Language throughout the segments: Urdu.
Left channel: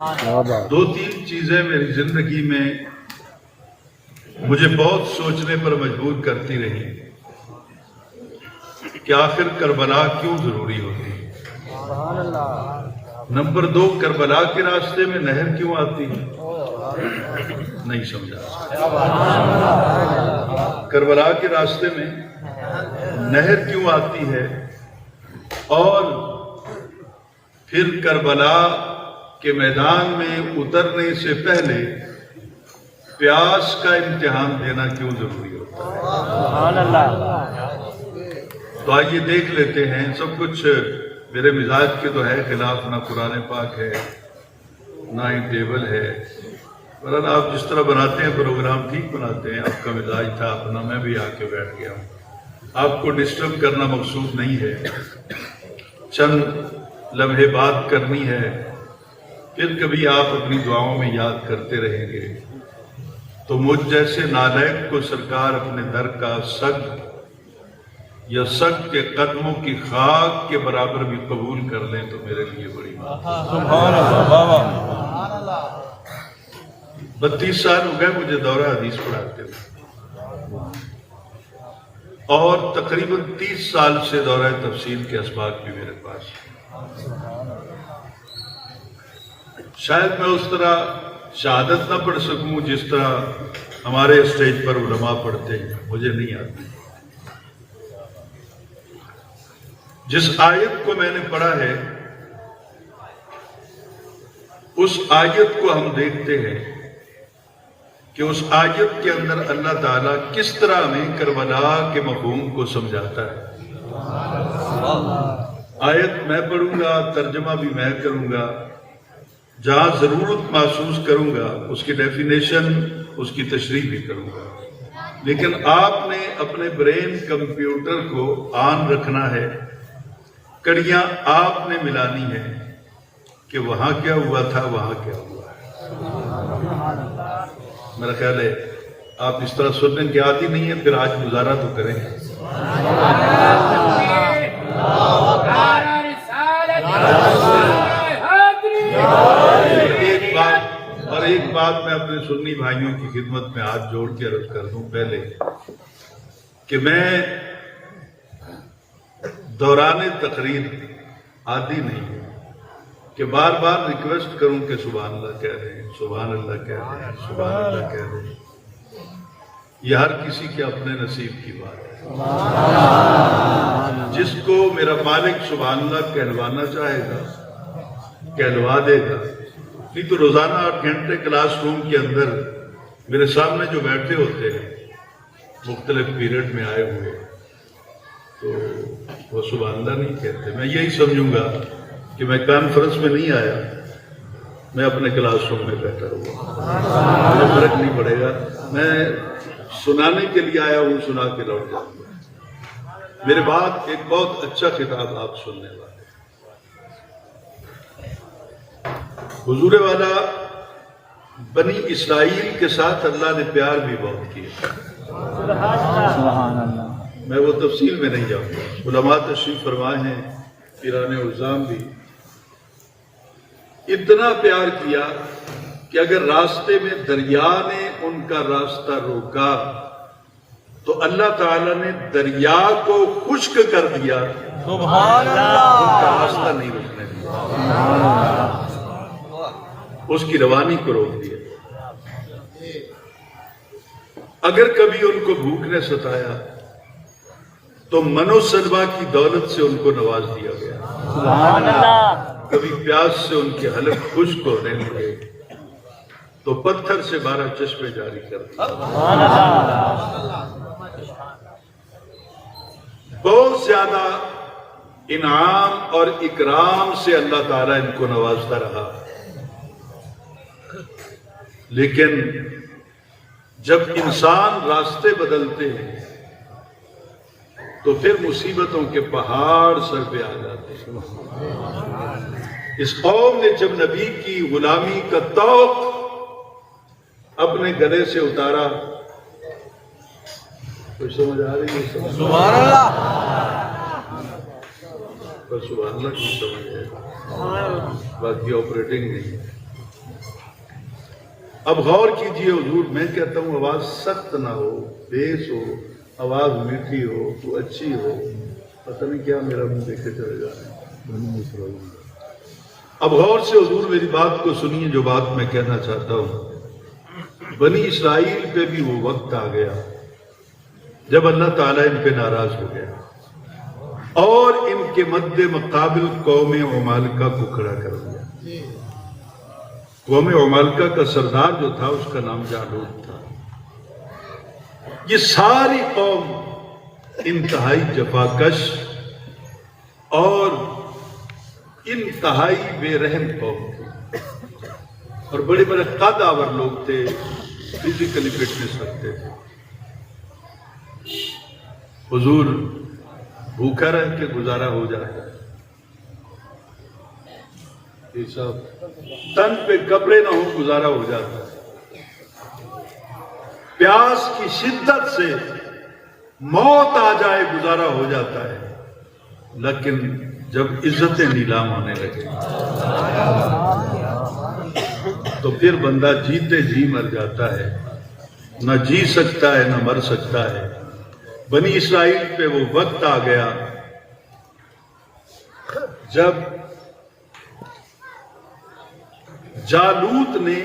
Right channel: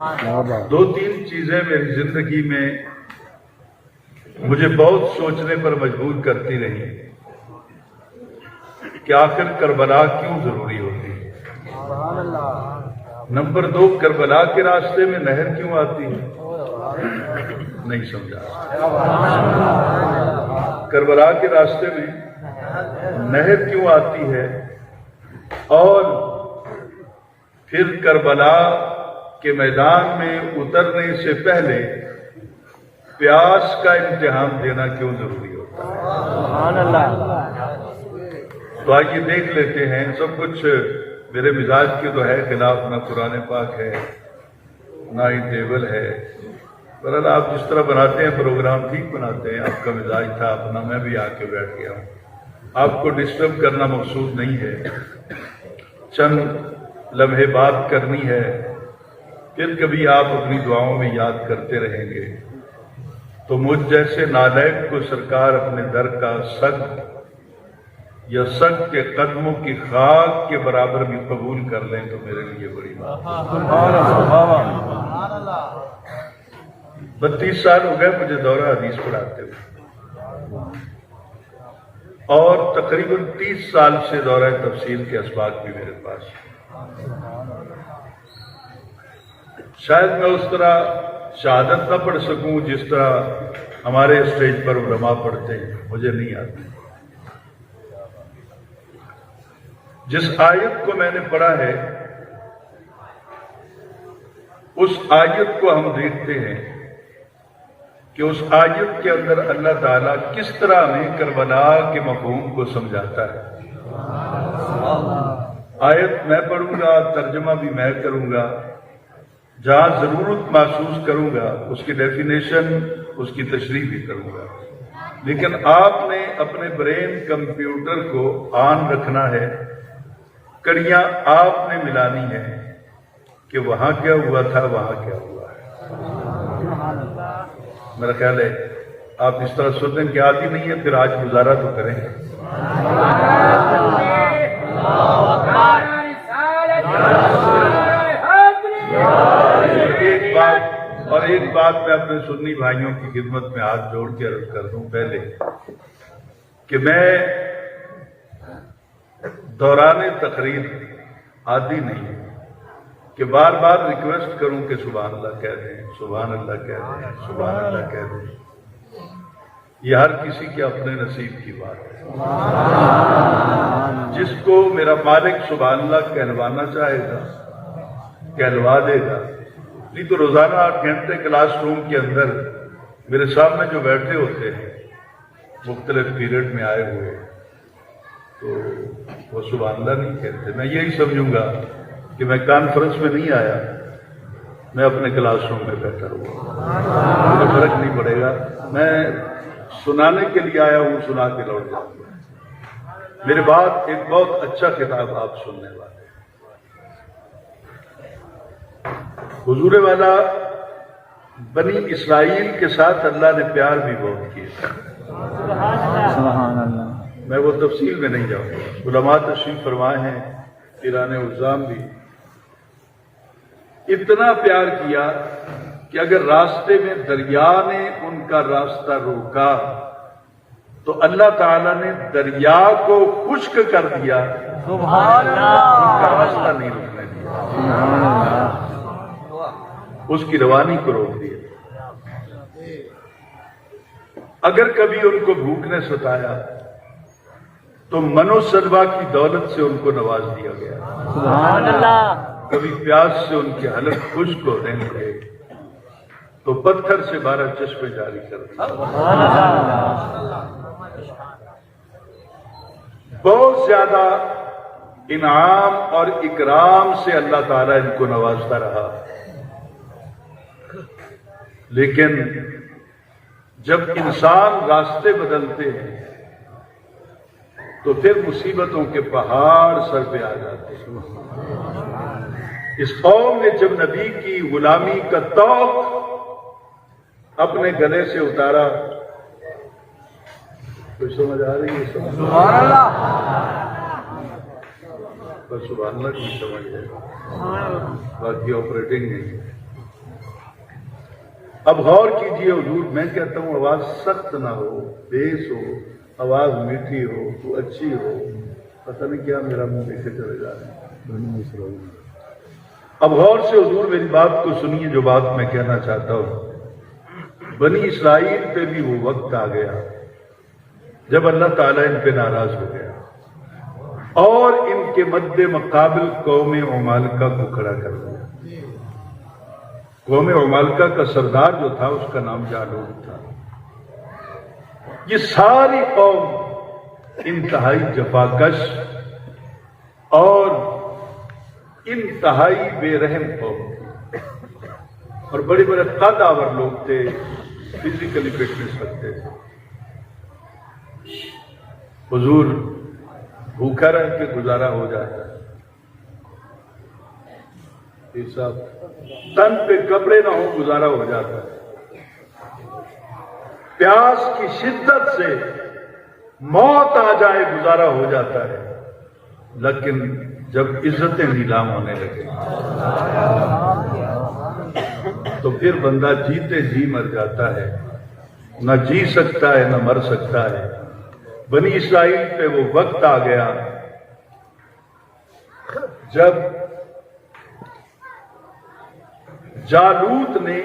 دو تین چیزیں میری زندگی میں مجھے بہت سوچنے پر مجبور کرتی رہی کہ آخر کربلا کیوں ضروری ہوتی ہے۔ نمبر دو، کربلا کے راستے میں نہر کیوں آتی ہے؟ نہیں سمجھا۔ کربلا کے راستے میں نہر کیوں آتی ہے، اور پھر کربلا کے میدان میں اترنے سے پہلے پیاس کا امتحان دینا کیوں ضروری ہوتا ہے؟ تو آئیے دیکھ لیتے ہیں۔ سب کچھ میرے مزاج کے تو ہے خلاف، نہ قرآن پاک ہے نہ ہی ٹیبل ہے، پر آپ جس طرح بناتے ہیں پروگرام ٹھیک بناتے ہیں، آپ کا مزاج تھا اپنا، میں بھی آ کے بیٹھ گیا ہوں۔ آپ کو ڈسٹرب کرنا مقصود نہیں ہے، چند لمحے بات کرنی ہے، پھر کبھی آپ اپنی دعاؤں میں یاد کرتے رہیں گے تو مجھ جیسے نالائق کو سرکار اپنے در کا سگ یا سگ کے قدموں کی خاک کے برابر بھی قبول کر لیں تو میرے لیے بڑی بات ہے۔ 32 سال ہو گئے مجھے دورہ حدیث پڑھاتے ہوئے، اور تقریباً 30 سال سے دورہ تفسیر کے اسباق بھی میرے پاس ہیں۔ شاید میں اس طرح شہادت نہ پڑھ سکوں جس طرح ہمارے اسٹیج پر علماء پڑھتے ہیں، مجھے نہیں آتی۔ جس آیت کو میں نے پڑھا ہے اس آیت کو ہم دیکھتے ہیں کہ اس آیت کے اندر اللہ تعالیٰ کس طرح ہمیں کربلا کے مفہوم کو سمجھاتا ہے۔ آیت میں پڑھوں گا، ترجمہ بھی میں کروں گا، جہاں ضرورت محسوس کروں گا اس کی ڈیفینیشن، اس کی تشریح بھی کروں گا، لیکن آپ نے اپنے برین کمپیوٹر کو آن رکھنا ہے، کڑیاں آپ نے ملانی ہے کہ وہاں کیا ہوا تھا، وہاں کیا ہوا ہے۔ میرا خیال ہے آپ اس طرح سننے کے عادی نہیں ہیں، پھر آج گزارا تو کریں۔ ایک بات میں اپنے سنی بھائیوں کی خدمت میں ہاتھ جوڑ کے عرض کر دوں پہلے کہ میں دوران تقریر عادی نہیں ہوں کہ بار بار ریکویسٹ کروں کہ سبحان اللہ کہہ دیں، سبحان اللہ کہہ دیں، سبحان اللہ کہہ دیں۔ یہ ہر کسی کے اپنے نصیب کی بات ہے۔ جس کو میرا مالک سبحان اللہ کہلوانا چاہے گا کہلوا دے گا، نہیں تو روزانہ 8 گھنٹے کلاس روم کے اندر میرے سامنے جو بیٹھے ہوتے ہیں مختلف پیریڈ میں آئے ہوئے، تو وہ سبحان اللہ نہیں کہتے۔ میں یہی سمجھوں گا کہ میں کانفرنس میں نہیں آیا، میں اپنے کلاس روم میں بیٹھا ہوا، مجھے فرق نہیں پڑے گا، میں سنانے کے لیے آیا ہوں، سنا کے لوٹ جاؤں گا۔ میرے بعد ایک بہت اچھا خطاب آپ سننے والے۔ حضور والا بنی اسرائیل کے ساتھ اللہ نے پیار بھی بہت کیا۔ میں وہ تفصیل میں نہیں جاؤں گا، علماء تشریف فرمائے ہیں، پیران الزام بھی۔ اتنا پیار کیا کہ اگر راستے میں دریا نے ان کا راستہ روکا تو اللہ تعالیٰ نے دریا کو خشک کر دیا، سبحان اللہ، ان کا راستہ نہیں روکنے دیا، اس کی روانی کو روک دیا۔ اگر کبھی ان کو بھوک نے ستایا تو منو سلوا کی دولت سے ان کو نواز دیا گیا، سبحان اللہ۔ کبھی پیاس سے ان کے حلق خشک ہونے لگے تو پتھر سے 12 چشمے جاری کر دیے۔ بہت زیادہ انعام اور اکرام سے اللہ تعالیٰ ان کو نوازتا رہا، لیکن جب انسان راستے بدلتے ہیں تو پھر مصیبتوں کے پہاڑ سر پہ آ جاتے ہیں۔ اس قوم نے جب نبی کی غلامی کا طوق اپنے گلے سے اتارا، کوئی سمجھ آ رہی ہے؟ سبحان اللہ، سبحان اللہ کی سمجھ ہے، باقی آپریٹنگ نہیں۔ اب غور کیجئے حضور، میں کہتا ہوں آواز سخت نہ ہو، بیس ہو، آواز میٹھی ہو تو اچھی ہو، پتہ نہیں کیا میرا منہ دیکھے چلے جا رہے ہیں۔ اب غور سے حضور میری بات کو سنیے، جو بات میں کہنا چاہتا ہوں۔ بنی اسرائیل پہ بھی وہ وقت آ گیا جب اللہ تعالیٰ ان پہ ناراض ہو گیا اور ان کے مد مقابل قوم عمالقہ کو کھڑا کر دیا۔ قوم عمالقہ کا سردار جو تھا اس کا نام جالوت تھا۔ یہ ساری قوم انتہائی جفاکش اور انتہائی بے رحم قوم تھی، اور بڑے بڑے قد آور لوگ تھے، فزیکلی فٹنس رکھتے تھے۔ حضور بھوکا رہ کے گزارا ہو جاتا ہے، یہ سب تن پہ کپڑے نہ ہو گزارا ہو جاتا ہے، پیاس کی شدت سے موت آ جائے گزارا ہو جاتا ہے، لیکن جب عزتیں نیلام ہونے لگے تو پھر بندہ جیتے جی مر جاتا ہے، نہ جی سکتا ہے نہ مر سکتا ہے۔ بنی اسرائیل پہ وہ وقت آ گیا جب جالوت نے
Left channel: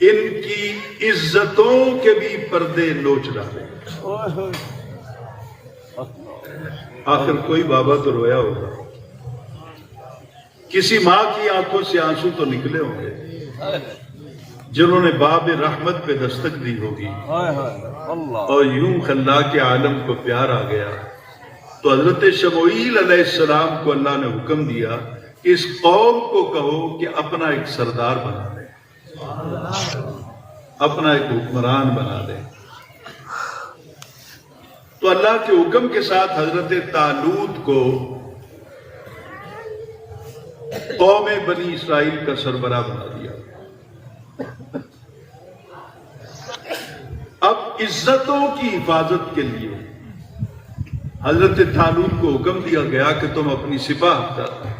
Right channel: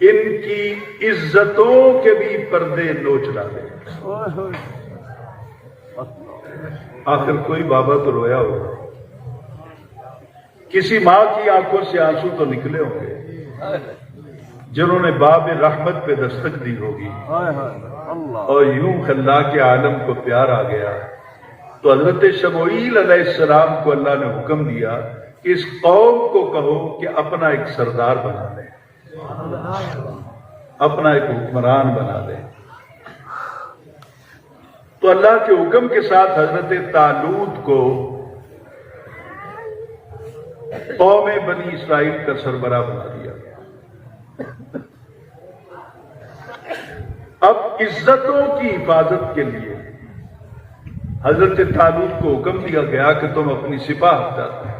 ان کی عزتوں کے بھی پردے نوچ ڈالے۔ آخر کوئی بابا تو رویا ہوگا، کسی ماں کی آنکھوں سے آنسو تو نکلے ہوں گے جنہوں نے باب رحمت پہ دستک دی ہوگی، اور یوں خلاق عالم کو پیار آ گیا تو حضرت شموئیل علیہ السلام کو اللہ نے حکم دیا کہ اس قوم کو کہو کہ اپنا ایک سردار بنا دے، اپنا ایک حکمران بنا دے۔ تو اللہ کے حکم کے ساتھ حضرت طالوت کو قوم بنی اسرائیل کا سربراہ بنا دیا۔ اب عزتوں کی حفاظت کے لیے حضرت طالوت کو حکم دیا گیا کہ تم اپنی سپاہ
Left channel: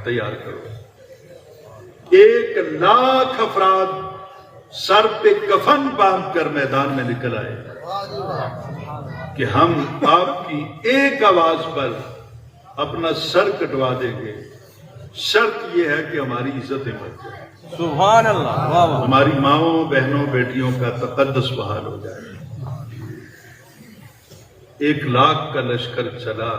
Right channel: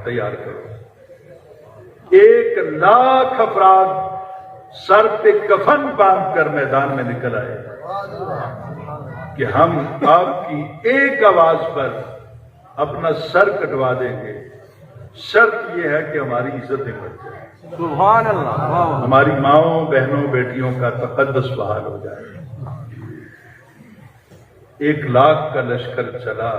تیار کرو۔ 1,00,000 افراد سر پہ کفن باندھ کر میدان میں نکل آئے کہ ہم آپ کی ایک آواز پر اپنا سر کٹوا دیں گے، شرط یہ ہے کہ ہماری عزتیں بچ جائیں، سبحان اللہ، ہماری ماؤں بہنوں بیٹیوں کا تقدس بحال ہو جائے۔ 1,00,000 کا لشکر چلا۔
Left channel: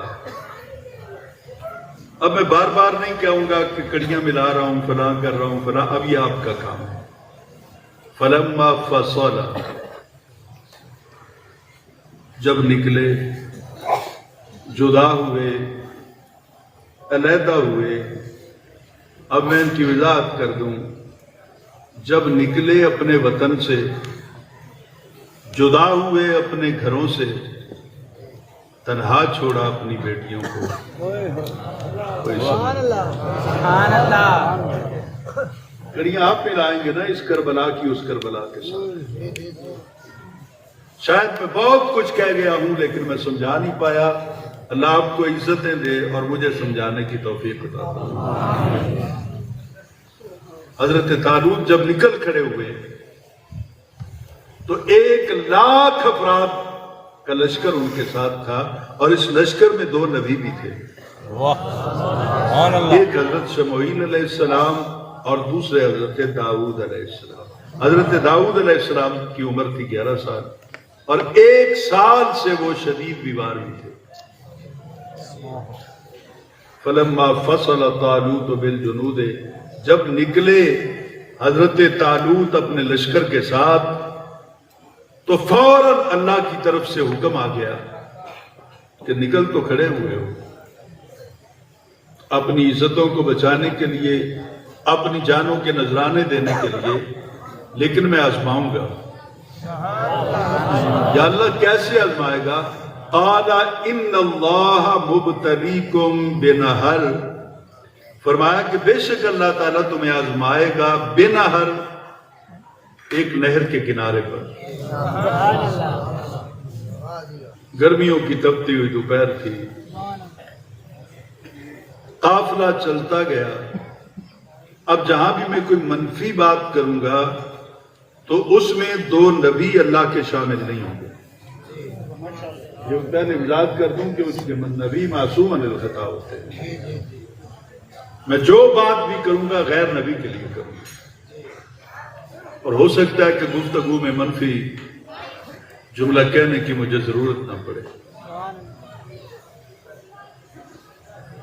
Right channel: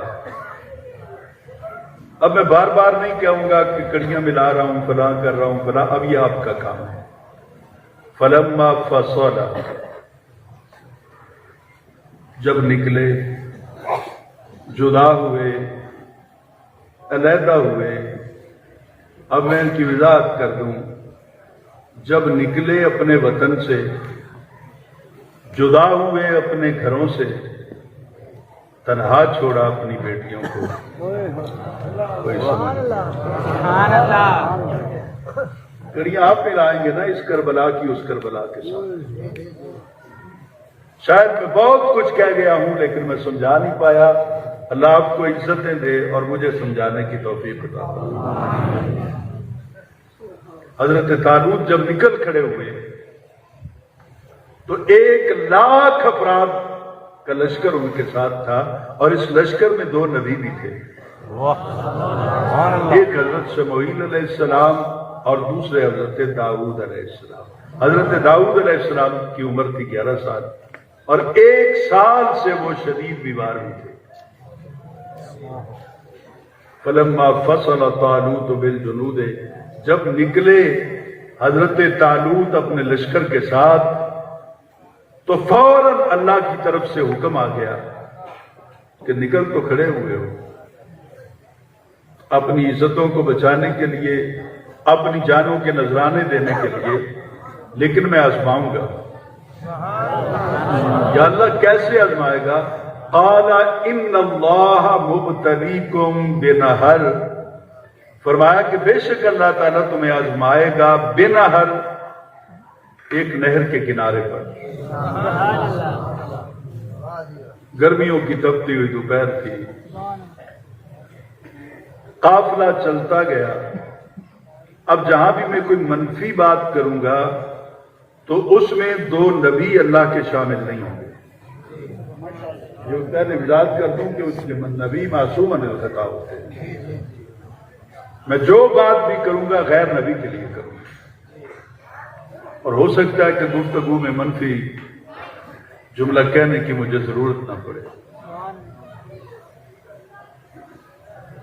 اب میں بار بار نہیں کہوں گا کہ کڑیاں ملا رہا ہوں، فلاں کر رہا ہوں، فلاں، اب یہ آپ کا کام ہے۔ فلما فصل، جب نکلے، جدا ہوئے، علیحدہ ہوئے۔ اب میں ان کی وضاحت کر دوں، جب نکلے اپنے وطن سے، جدا ہوئے اپنے گھروں سے، تنہا چھوڑا اپنی بیٹیوں کو، کڑیاں آپ ملائیں گے نا اس کربلا کی اس کربلا کے ساتھ۔ شاید میں بہت کچھ کہہ گیا ہوں لیکن میں سمجھا نہیں پایا۔ اللہ آپ کو عزتیں دے اور مجھے سمجھانے کی توفیق عطا فرمائے۔ حضرت طالوت جب نکل کھڑے ہوئے تو 1,00,000 افراد کا لشکر ان کے ساتھ تھا، اور اس لشکر میں 2 نبی بھی تھے، ایک حضرت شموئیل علیہ السلام اور دوسرے حضرت داؤد علیہ السلام۔ حضرت داؤد علیہ السلام کی عمر تھی 11 سال، اور 1 سال سے وہ شدید بیمار بھی تھے۔ فلما فصل طالوت بالجنود، جب نکلے حضرت طالوت اپنے لشکر کے ساتھ تو فوراً اللہ کی طرف سے حکم آ گیا کہ نکل تو کھڑے ہوئے ہو، اپنی عزتوں کو بچانے کے لیے، اپنی جانوں کے نذرانے دینے کے لیے، لیکن میں آزماؤں گا۔ یا اللہ کیسے آزمائے گا؟ قال ان اللہ مبتلیکم بنہر، فرمایا کہ بے شک اللہ تعالیٰ تمہیں آزمائے گا بنہر، ایک نہر کے کنارے پر۔ گرمیوں کی تپتی ہوئی دوپہر تھی، قافلہ چلتا گیا۔ اب جہاں بھی میں کوئی منفی بات کروں گا تو اس میں 2 نبی اللہ کے شامل نہیں ہوں گے۔ یہ پہلے وضاحت کر دوں کہ اس کے نبی معصوم خطا ہوتے ہیں۔ میں جو بات بھی کروں گا غیر نبی کے لیے کروں گا، اور ہو سکتا ہے کہ گفتگو میں منفی جملہ کہنے کی مجھے ضرورت نہ پڑے۔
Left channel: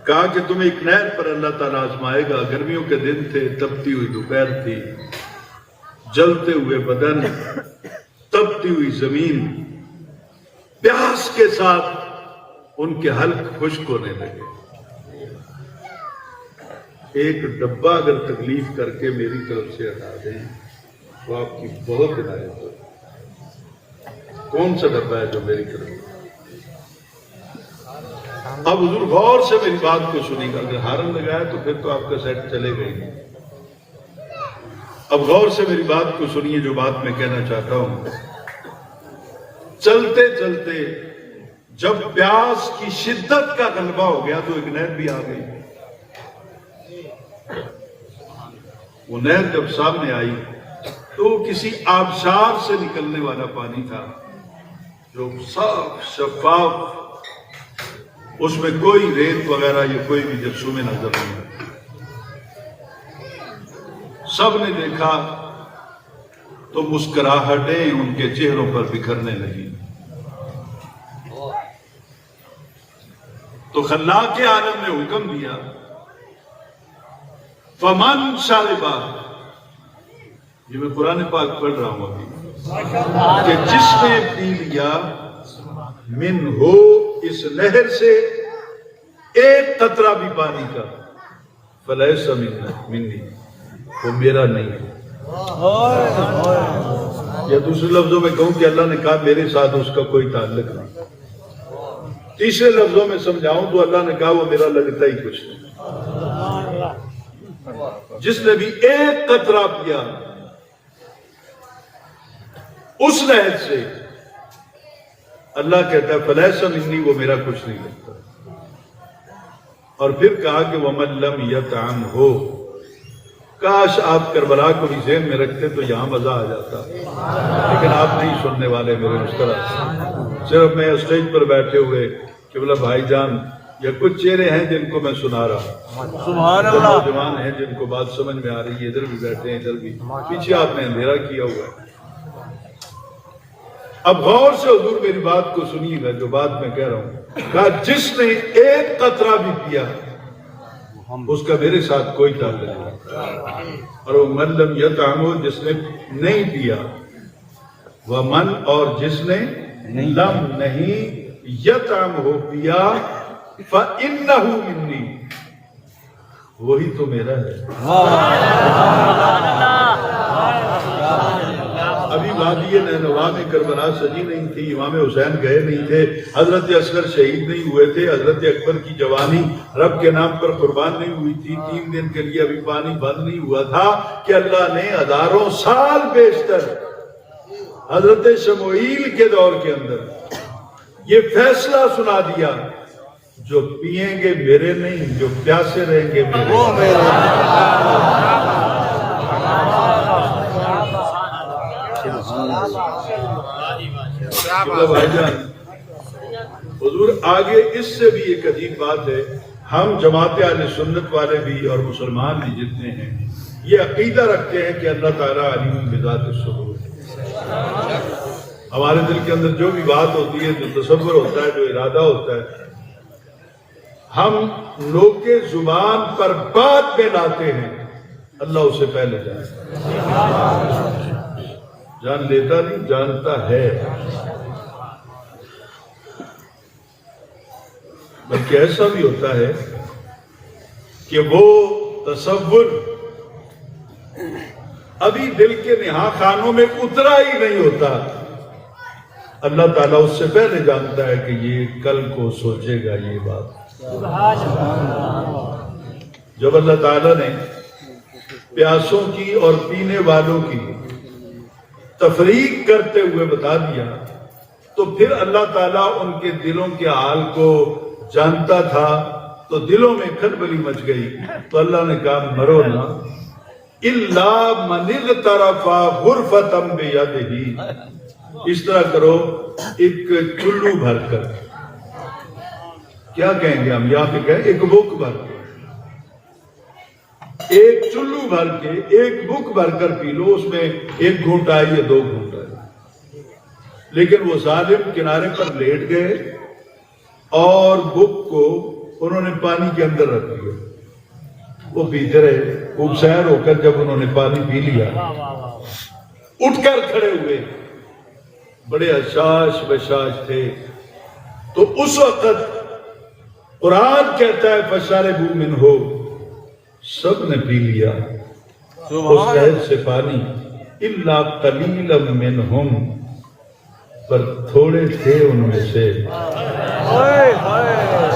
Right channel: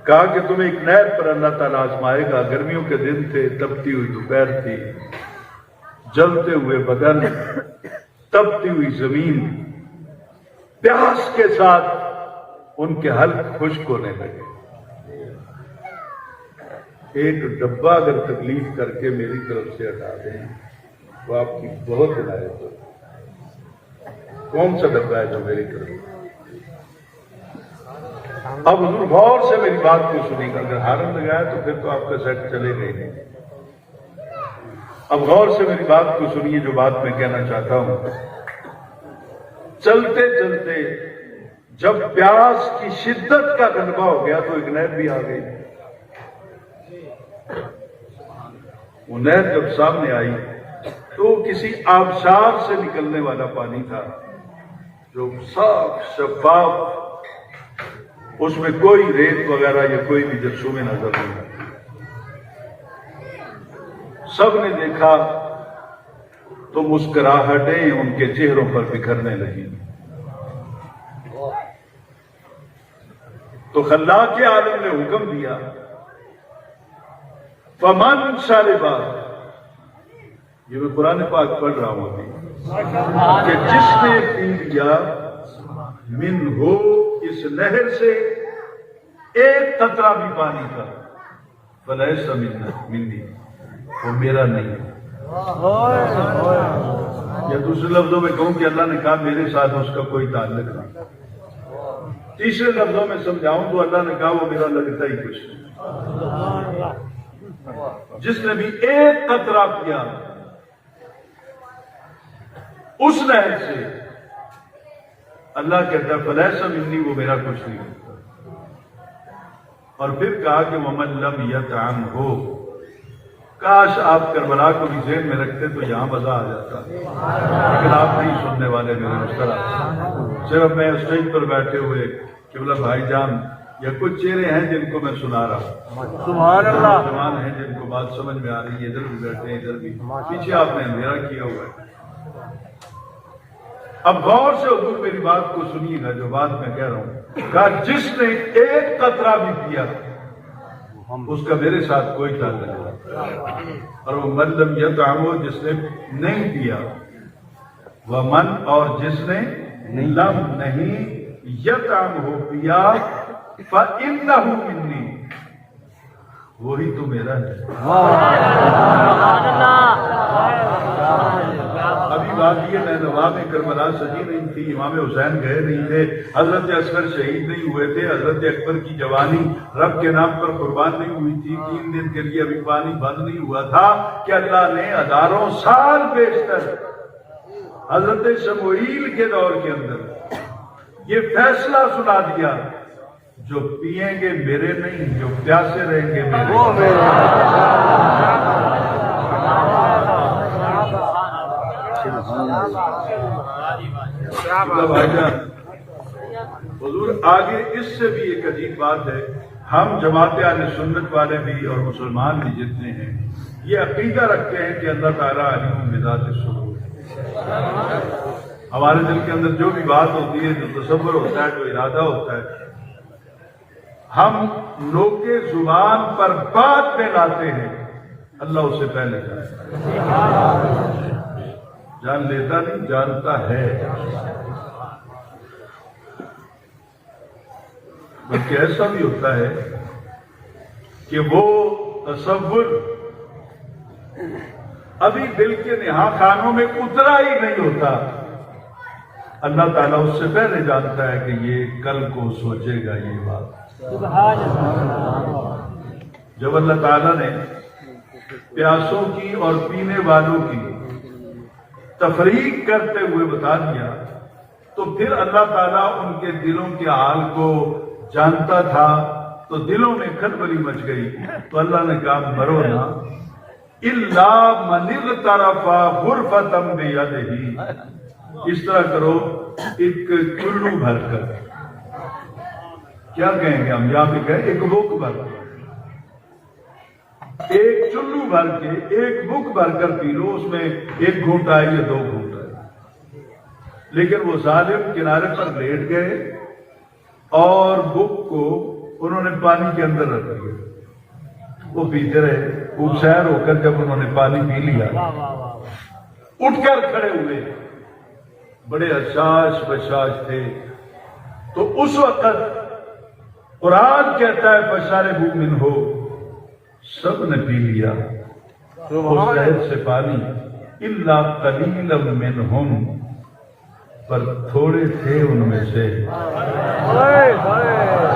کہا کہ تم ایک نہر پر اللہ تعالیٰ آزمائے گا، گرمیوں کے دن تھے، تپتی ہوئی دوپہر تھی، جلتے ہوئے بدن، تپتی ہوئی زمین، پیاس کے ساتھ ان کے حلق خشک ہونے لگے۔ ایک ڈبہ اگر تکلیف کر کے میری طرف سے ہٹا دیں تو آپ کی بہت عنایت ہو۔ کون سا ڈبہ ہے جو میری طرف؟ اب حضور غور سے میری بات کو سنیں گا، اگر ہارن لگایا تو پھر تو آپ کا سیٹ چلے گا ہی نہیں۔ اب غور سے میری بات کو سنیے جو بات میں کہنا چاہتا ہوں۔ چلتے چلتے جب پیاس کی شدت کا غلبہ ہو گیا تو ایک نہر بھی آ گئی۔ وہ نہر جب سامنے آئی تو کسی آبشار سے نکلنے والا پانی تھا جو صاف شفاف، اس میں کوئی ریت وغیرہ یا کوئی بھی جرثومے نظر نہیں آتے۔ سب نے دیکھا تو مسکراہٹیں ان کے چہروں پر بکھرنے لگی۔ تو خلاق عالم نے حکم دیا، فمن شاربا، یہ میں قرآن پاک پڑھ رہا ہوں ابھی، کہ جس نے پی لیا من ہو اس نہر سے ایک قطرہ بھی پانی کا، فلیس منی، وہ میرا نہیں ہے۔ یا دوسرے لفظوں میں کہوں کہ اللہ نے کہا میرے ساتھ اس کا کوئی تعلق نہیں۔ تیسرے لفظوں میں سمجھاؤں تو اللہ نے کہا وہ میرا لگتا ہی کچھ نہیں۔ جس نے بھی ایک قطرہ پیا اس نہر سے، اللہ کہتا ہے فلیس منی، وہ میرا کچھ نہیں کرتا۔ اور پھر کہا کہ وَمَن لَّمْ يَطْعَمْهُ، کاش آپ کربلا کو بھی ذہن میں رکھتے تو یہاں مزہ آ جاتا، لیکن آپ نہیں سننے والے میرے مستقبل۔ صرف میں اسٹیج پر بیٹھے ہوئے قبلہ بھائی جان یا کچھ چہرے ہیں جن کو میں سنا رہا ہوں، نوجوان ہیں جن کو بات سمجھ میں آ رہی ہے، ادھر بھی بیٹھے ہیں ادھر بھی، پیچھے آپ نے اندھیرا کیا ہوا ہے۔ اب غور سے حضور میری بات کو سنیے گا جو بات میں کہہ رہا ہوں۔ کہا جس نے ایک قطرہ بھی پیا اس کا میرے ساتھ کوئی تعلق نہیں، اور وہ من لم یطعمہ، جس نے نہیں پیا، وہ من، اور جس نے لم نہیں یطعمہ پیا، فإنہ منی، وہی تو میرا ہے۔ ابھی وادی نینوا میں کربلا سجی نہیں تھی، امام حسین گئے نہیں تھے، حضرت اصغر شہید نہیں ہوئے تھے، حضرت اکبر کی جوانی رب کے نام پر قربان نہیں ہوئی تھی، 3 دن کے لیے ابھی پانی بند نہیں ہوا تھا کہ اللہ نے ہزاروں سال بیشتر حضرت شموئیل کے دور کے اندر یہ فیصلہ سنا دیا، جو پئیں گے میرے نہیں، جو پیاسے رہیں گے میرے۔ بھائی جان حضور آگے اس سے بھی ایک عجیب بات ہے، ہم جماعت اہل سنت والے بھی اور مسلمان بھی جتنے ہیں یہ عقیدہ رکھتے ہیں کہ اللہ تعالیٰ علیم بذات الصدور، ہمارے دل کے اندر جو بھی بات ہوتی ہے، جو تصور ہوتا ہے، جو ارادہ ہوتا ہے، ہم نوکے زبان پر بات میں لاتے ہیں، اللہ اسے پہلے جانتا ہے، جان لیتا نہیں، جانتا ہے۔ بلکہ ایسا بھی ہوتا ہے کہ وہ تصور ابھی دل کے نہا خانوں میں اترا ہی نہیں ہوتا، اللہ تعالیٰ اس سے پہلے جانتا ہے کہ یہ کل کو سوچے گا یہ بات۔ جب اللہ تعالیٰ نے پیاسوں کی اور پینے والوں کی تفریق کرتے ہوئے بتا دیا تو پھر اللہ تعالیٰ ان کے دلوں کے حال کو جانتا تھا، تو دلوں میں کھلبلی مچ گئی، تو اللہ نے کہا مرو نہ، الا من اغترف غرفة بیدہ، اس طرح کرو ایک چلو بھر کر، کیا کہیں گے ہم یہاں پہ کہیں ایک بک بھر کے، ایک چلو بھر کے ایک بک بھر کر پی لو، اس میں ایک گھونٹ آئے یا 2 گھونٹ آئے۔ لیکن وہ ظالم کنارے پر لیٹ گئے اور بک کو انہوں نے پانی کے اندر رکھ دیا، وہ پیتے رہے۔ خوب سیر ہو کر جب انہوں نے پانی پی لیا، اٹھ کر کھڑے ہوئے، بڑے حشاش بشاش تھے۔ تو اس وقت قرآن کہتا ہے فَشَرِبُوا مِنْهُ، سب نے پی لیا اس نہر سے پانی، إِلَّا قَلِيلًا مِّنْهُمْ، پر تھوڑے تھے ان میں سے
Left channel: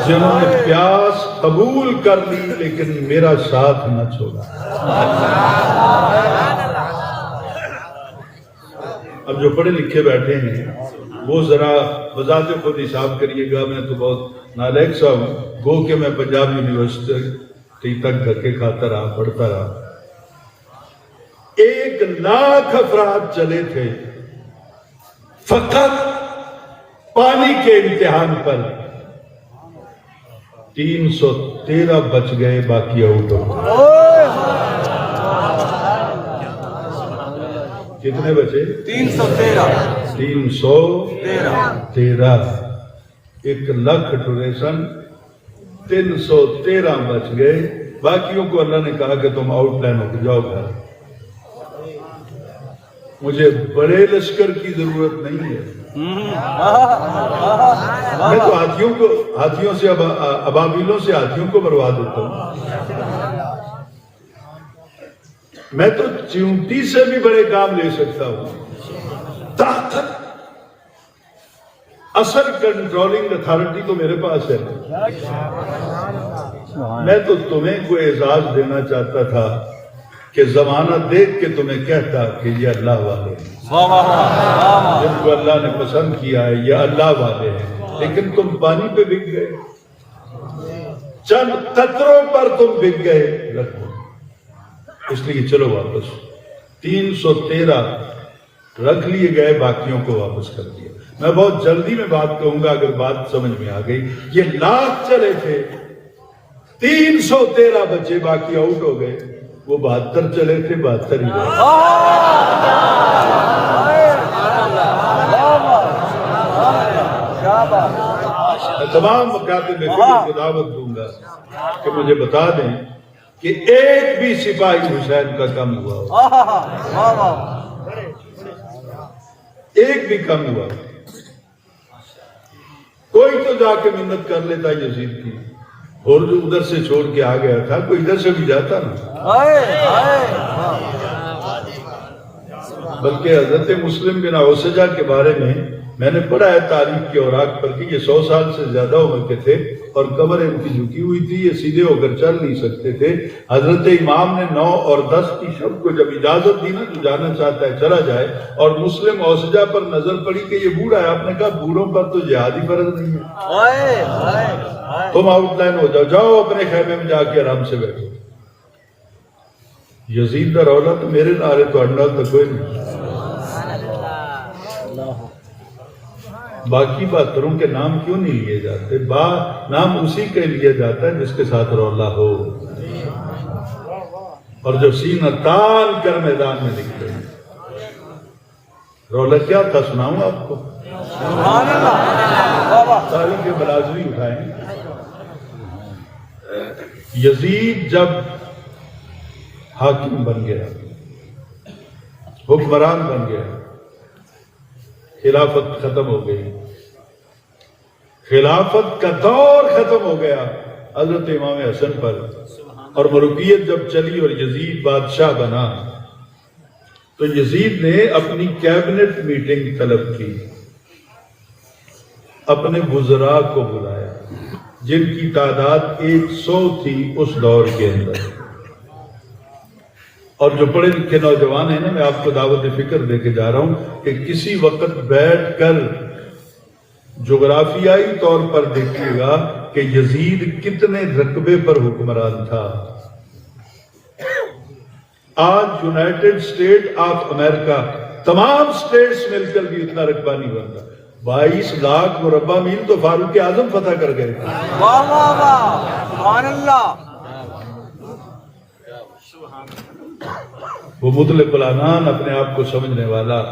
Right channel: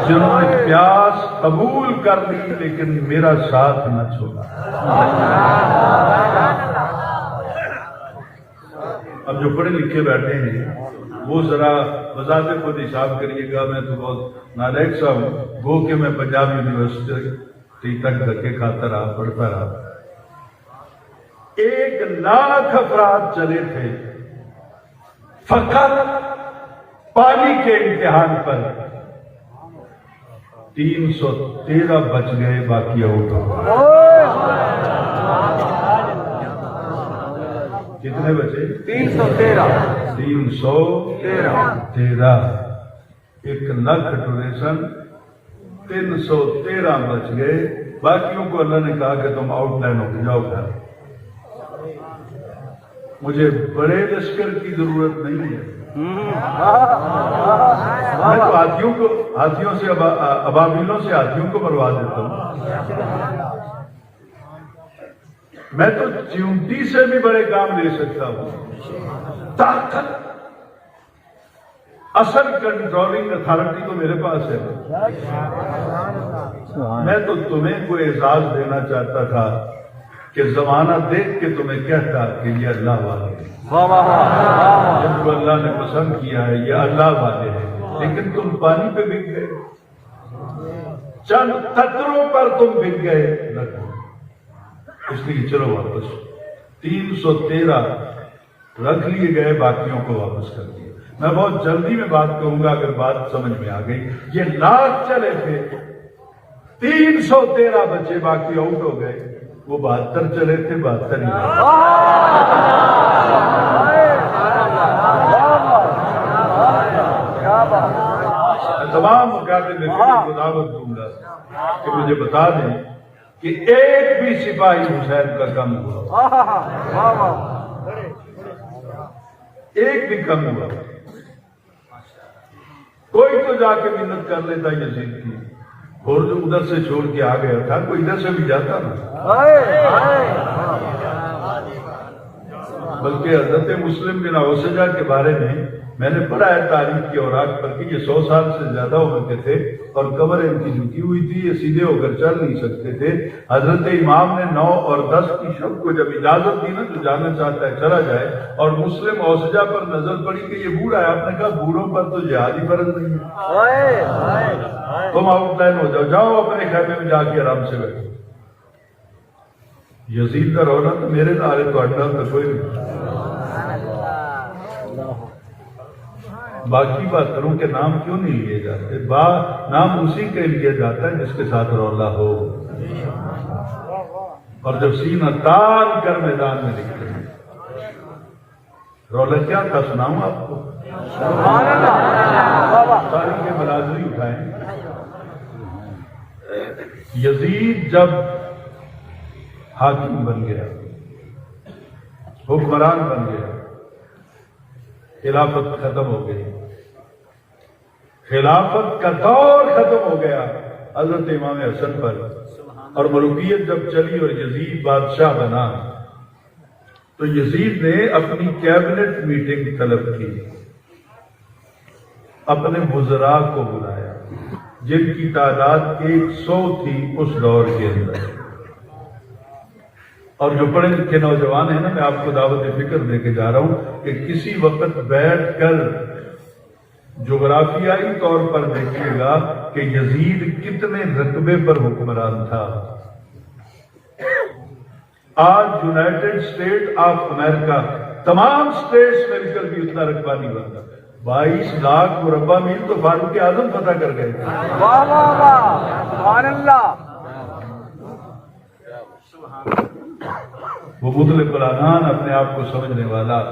جنہوں نے پیاس قبول کر لی لیکن میرا ساتھ نہ چھوڑا۔ اب جو پڑھے لکھے بیٹھے ہیں وہ ذرا بذات خود حساب کریے گا، میں تو بہت نالائق سا ہوں، گو کہ میں پنجاب یونیورسٹی تک دھکے کھاتا رہا، پڑھتا رہا۔ 1,00,000 افراد چلے تھے فقط پانی کے امتحان پر، 313 بچ گئے، باقی آؤٹ ہو گئے۔ کتنے بچے؟ 313۔ 1,00,000 ڈونیشن، 313 بچ گئے، باقیوں کو اللہ نے کہا کہ تم آؤٹ لائن ہو کے جاؤ گھر۔ مجھے بڑے لشکر کی ضرورت نہیں ہے، میں تو ہاتھیوں سے ابابیلوں سے ہاتھیوں کو مروا دیتا ہوں، میں تو چیونٹی سے بھی بڑے کام لے سکتا ہوں۔ طاقت، اصل کنٹرولنگ اتھارٹی تو میرے پاس ہے۔ میں تو تمہیں کوئی اعزاز دینا چاہتا تھا کہ زمانہ دیکھ کے تمہیں کہتا کہ یہ اللہ والے ہیں، جن کو اللہ نے پسند کیا ہے یہ اللہ والے ہیں، لیکن تم پانی پہ بک گئے، چند قطروں پر تم بک گئے، اس لیے چلو واپس۔ 313 رکھ لیے گئے، باقیوں کو واپس کر دیا۔ میں بہت جلدی میں بات کہوں گا اگر بات سمجھ میں آ گئی۔ یہ 1,00,000 چلے تھے، 313 بچے، باقی آؤٹ ہو گئے۔ وہ 72 چلے تھے، 72 ہی رہے۔ میں تمام مکاتب میں کو دعوت دوں گا کہ مجھے بتا دیں کہ ایک بھی سپاہی حسین کا کم ہوا، ایک بھی کم ہوا۔ کوئی تو جا کے منت کر لیتا یزید کی، اور جو ادھر سے چھوڑ کے آ گیا تھا کوئی ادھر سے بھی جاتا نا۔ بلکہ حضرت مسلم بن اوسجہ کے بارے میں نے پڑھا ہے تاریخ کے اوراق پر کہ یہ 100 سال سے زیادہ عمر کے تھے اور قبر ان کی جھکی ہوئی تھی، یہ سیدھے ہو کر چل نہیں سکتے تھے۔ حضرت امام نے 9 اور 10 کی شب کو جب اجازت دی نا جو جانا چاہتا ہے چلا جائے، اور مسلم اوسجہ پر نظر پڑی کہ یہ بوڑھا ہے، آپ نے کہا بوڑھوں پر تو جہاد ہی فرض نہیں ہے، تم آؤٹ لائن ہو جاؤ، جاؤ اپنے خیمے میں جا کے آرام سے بیٹھو۔ یزید کا رولا تو میرے نعرے تو انڈا تو کوئی نہیں۔ باقی باتوں کے نام کیوں نہیں لیے جاتے؟ نام اسی کے لیے جاتا ہے جس کے ساتھ رولا ہو، اور جو سینہ تان کر میدان میں لکھتے ہیں۔ رولا کیا تھا سناؤں آپ کو؟ تاریخ کے برازوی اٹھائیں۔ یزید جب حاکم بن گیا، حکمران بن گیا، خلافت ختم ہو گئی، خلافت کا دور ختم ہو گیا حضرت امام حسن پر، اور ملوکیت جب چلی اور یزید بادشاہ بنا تو یزید نے اپنی کیبنٹ میٹنگ طلب کی، اپنے وزراء کو بلایا جن کی تعداد 100 تھی اس دور کے اندر۔ اور جو پڑھے لکھے نوجوان ہیں نا، میں آپ کو دعوت فکر دے کے جا رہا ہوں کہ کسی وقت بیٹھ کر جغرافیائی طور پر دیکھیے گا کہ یزید کتنے رقبے پر حکمران تھا۔ آج یونائٹڈ اسٹیٹ آف امریکہ تمام سٹیٹس مل کر بھی اتنا رقبہ نہیں بنتا. 22 لاکھ مربع میل تو فاروق اعظم فتح کر گئے. وہ مطلق العنان اپنے آپ کو سمجھنے والا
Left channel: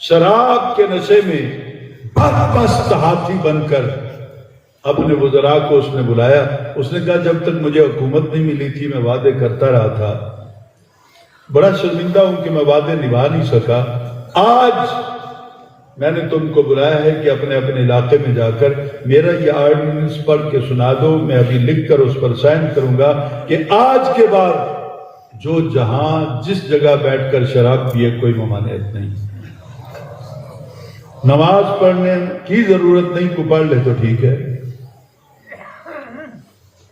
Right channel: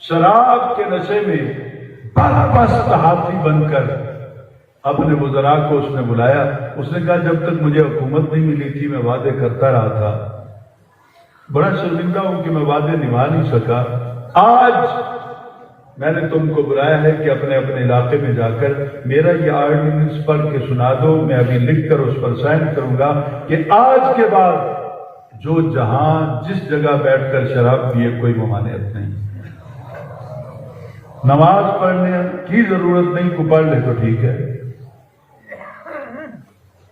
شراب کے نشے میں بدمست ہاتھی بن کر اپنے وزراء کو اس نے بلایا. اس نے کہا جب تک مجھے حکومت نہیں ملی تھی میں وعدے کرتا رہا تھا, بڑا شرمندہ ہوں کہ میں وعدے نبھا نہیں سکا. آج میں نے تم کو بلایا ہے کہ اپنے اپنے علاقے میں جا کر میرا یہ آرڈیننس پڑھ کے سنا دو. میں ابھی لکھ کر اس پر سائن کروں گا کہ آج کے بعد جو جہاں جس جگہ بیٹھ کر شراب پیے کوئی ممانعت نہیں. نماز پڑھنے کی ضرورت نہیں, کو پڑھ لے تو ٹھیک ہے.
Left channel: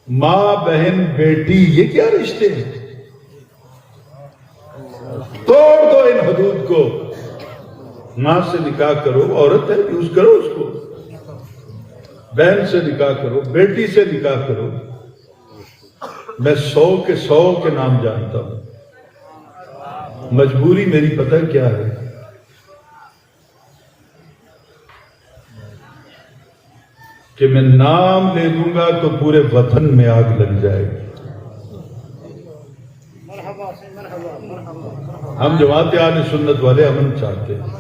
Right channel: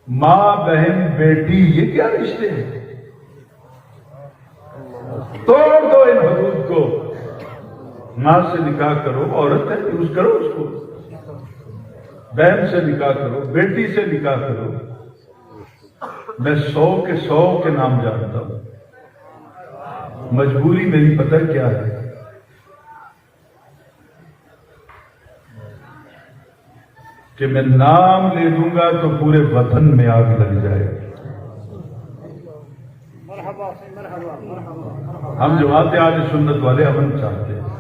ماں بہن بیٹی یہ کیا رشتے ہیں؟ توڑ دو ان حدود کو. ماں سے نکاح کرو, عورت ہے یوز کرو اس کو. بہن سے نکاح کرو, بیٹی سے نکاح کرو. میں 100 کے نام جانتا ہوں. مجبوری میری پتہ کیا ہے؟ کہ میں نام لے دوں گا تو پورے وطن میں آگ لگ جائے. ہم جماعت اہل سنت والے امن چاہتے ہیں.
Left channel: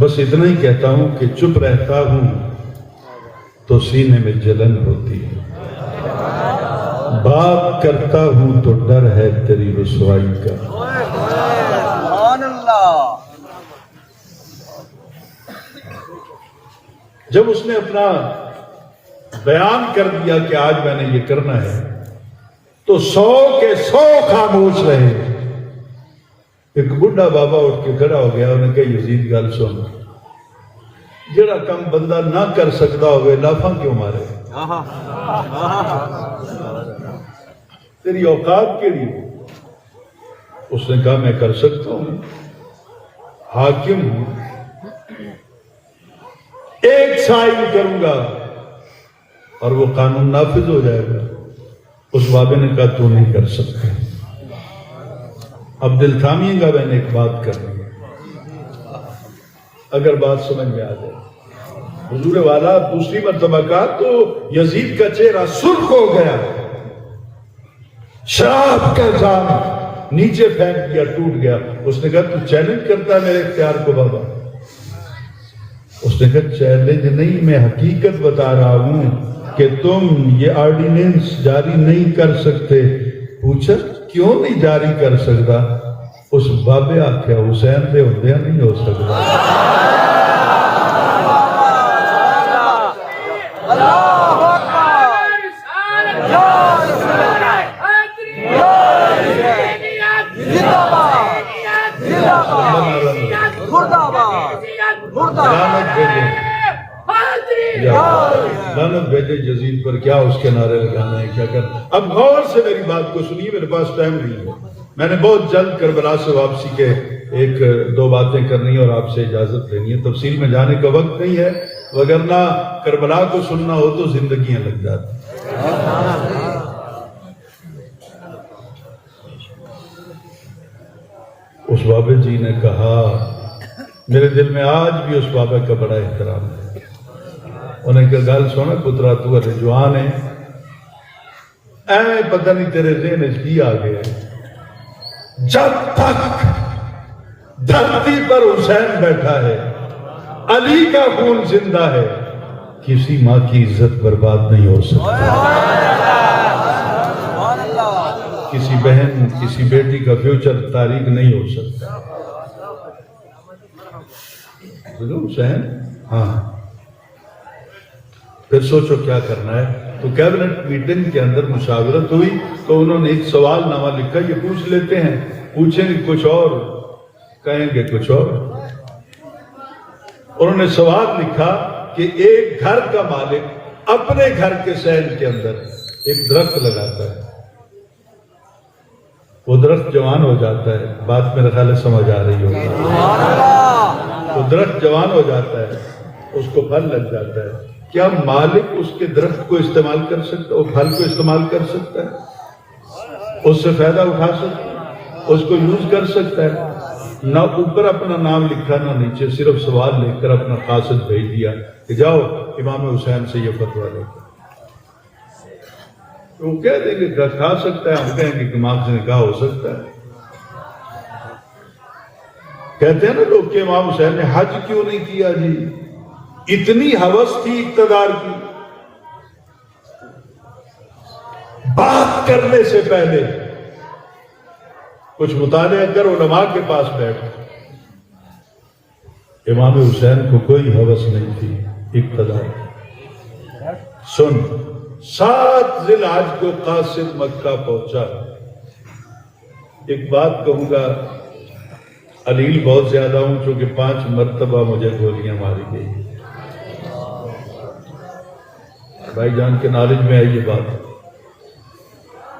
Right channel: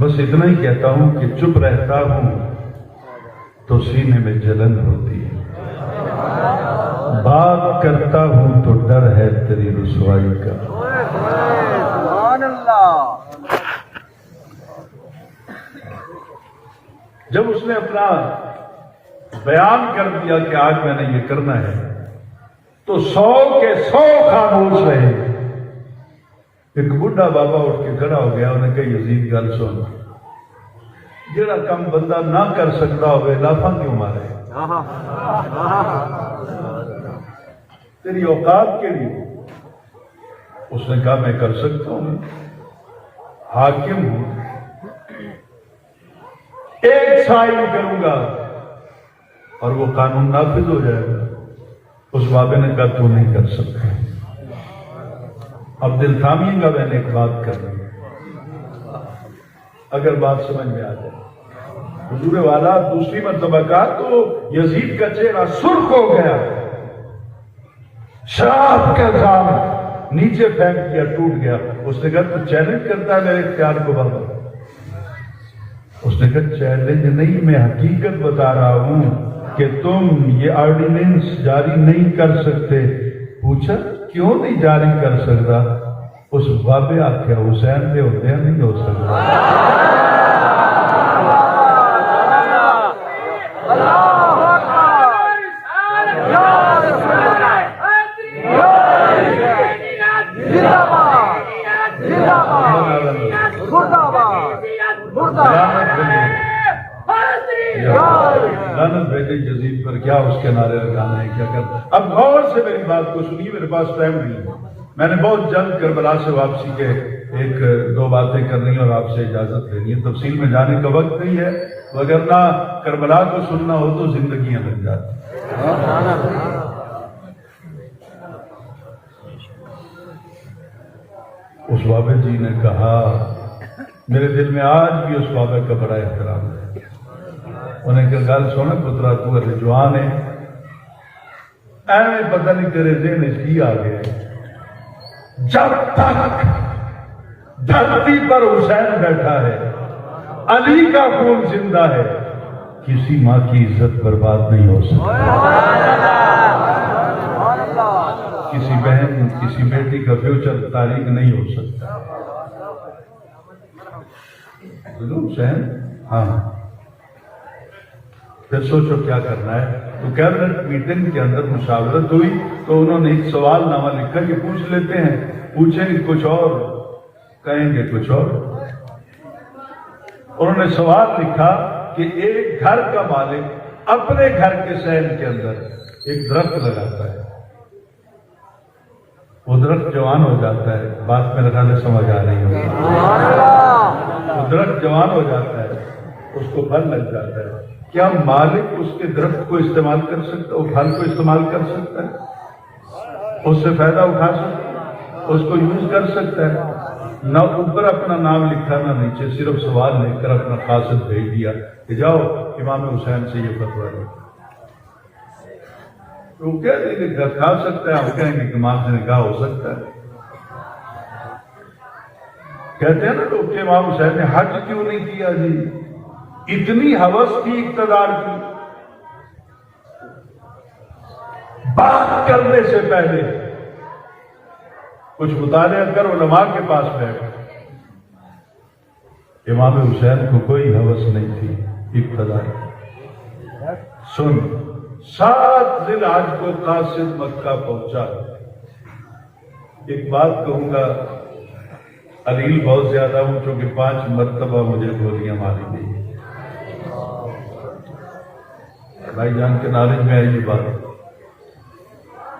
بس اتنا ہی کہتا ہوں کہ چپ رہتا ہوں تو سینے میں جلن ہوتی ہے, بات کرتا ہوں تو ڈر ہے تیری رسوائی کا. جب اس نے اپنا بیان کر دیا کہ آج میں نے یہ کرنا ہے تو 100 کے 100 خاموش رہے. ایک بڈھا بابا اٹھ کے کھڑا ہو گیا, انہوں نے کہا یزید گل سن, جڑا کم بندہ نہ کر سکتا ہوئے لافاں کیوں مارے؟ تیری اوقات کے لیے. اس نے کہا میں کر سکتا ہوں, حاکم ہوں, ایک سائن کروں گا اور وہ قانون نافذ ہو جائے گا. اس بابے نے کہا تو نہیں کر سکتا. اب دل تھامیے گا, میں نے ایک بات کرنی ہے, اگر بات سمجھ میں آ جائے. حضور والا دوسری مرتبہ کہا تو یزید کا چہرہ سرخ ہو گیا, شراب کا جام نیچے پھینک دیا, ٹوٹ گیا. اس نے کہا تو چیلنج کرتا ہے میرے اختیار کو بابا؟ اس نے کہا چیلنج نہیں, میں حقیقت بتا رہا ہوں کہ تم یہ آرڈیننس جاری نہیں کر سکتے. پوچھا کیوں نہیں جاری کر سکتا؟ اس بابے آکھیا حسین دے ہوندیا نہیں ہو سکتا. لعنت بھیجے یزید پر, کیا اس کے نعرے لگانے ہیں, کیا کرنا. اب غور سے میری بات کو سنیے, میرے پاس ٹائم نہیں ہے. میں نے بہت جلد کربلا سے واپسی کے 1-2 باتیں کرنی اور آپ سے اجازت لینی ہے. تفصیل میں jانے کا وقت نہیں ہے, وگرنہ کربلا کو سننا ہو تو زندگیاں لگ جاتی. اس بابے جی نے کہا, میرے دل میں آج بھی اس بابے کا بڑا احترام ہے. انہیں کہا گل سونا پترا, تو ابھی جوان ہے, ایویں پتہ نہیں تیرے ذہن کی آ گئے. جب تک دھرتی پر حسین بیٹھا ہے, علی کا خون زندہ ہے, کسی ماں کی عزت برباد نہیں ہو سکتی. کسی بہن, کسی بیٹی کا فیوچر تاریخ نہیں ہو سکتا. ضرور حسین, ہاں. پھر سوچو کیا کرنا ہے. تو کیبنٹ میٹنگ کے اندر مشاورت ہوئی تو انہوں نے ایک سوال نامہ لکھا, یہ پوچھ لیتے ہیں, پوچھیں گے کچھ اور, کہیں گے کچھ اور. انہوں نے سوال لکھا کہ ایک گھر کا مالک اپنے گھر کے سیل کے اندر ایک درخت لگاتا ہے, وہ درخت جوان ہو جاتا ہے. بات میرے خیال سمجھ آ رہی ہوگی. وہ درخت جوان ہو جاتا ہے, اس کو پھل لگ جاتا ہے، کیا مالک اس کے درخت کو استعمال کر سکتا ہے؟ وہ پھل کو استعمال کر سکتا ہے؟ اس سے فائدہ اٹھا سکتا ہے؟ اس کو یوز کر سکتا ہے؟ نہ اوپر اپنا نام لکھا نہ نیچے، صرف سوال لے کر اپنا قاصد بھیج دیا کہ جاؤ امام حسین سے یہ فتویٰ لے۔ تو وہ کہہ دیں کہ کھا سکتا ہے، ہم کہیں گے کہ امام سے نکاح ہو سکتا ہے۔ کہتے ہیں نا لوگ کہ امام حسین نے حج کیوں نہیں کیا جی؟ اتنی ہوس تھی اقتدار کی، بات کرنے سے پہلے کچھ مطالعہ کر، علماء کے پاس بیٹھ۔ امام حسین کو کوئی ہوس نہیں تھی اقتدار کی۔ سن، 7 ذی الحج کو قاصد مکہ پہنچا۔ ایک بات کہوں گا، علیل بہت زیادہ ہوں چونکہ 5 مرتبہ مجھے گولیاں ماری گئی۔ بھائی جان کے نالج میں آئی یہ بات،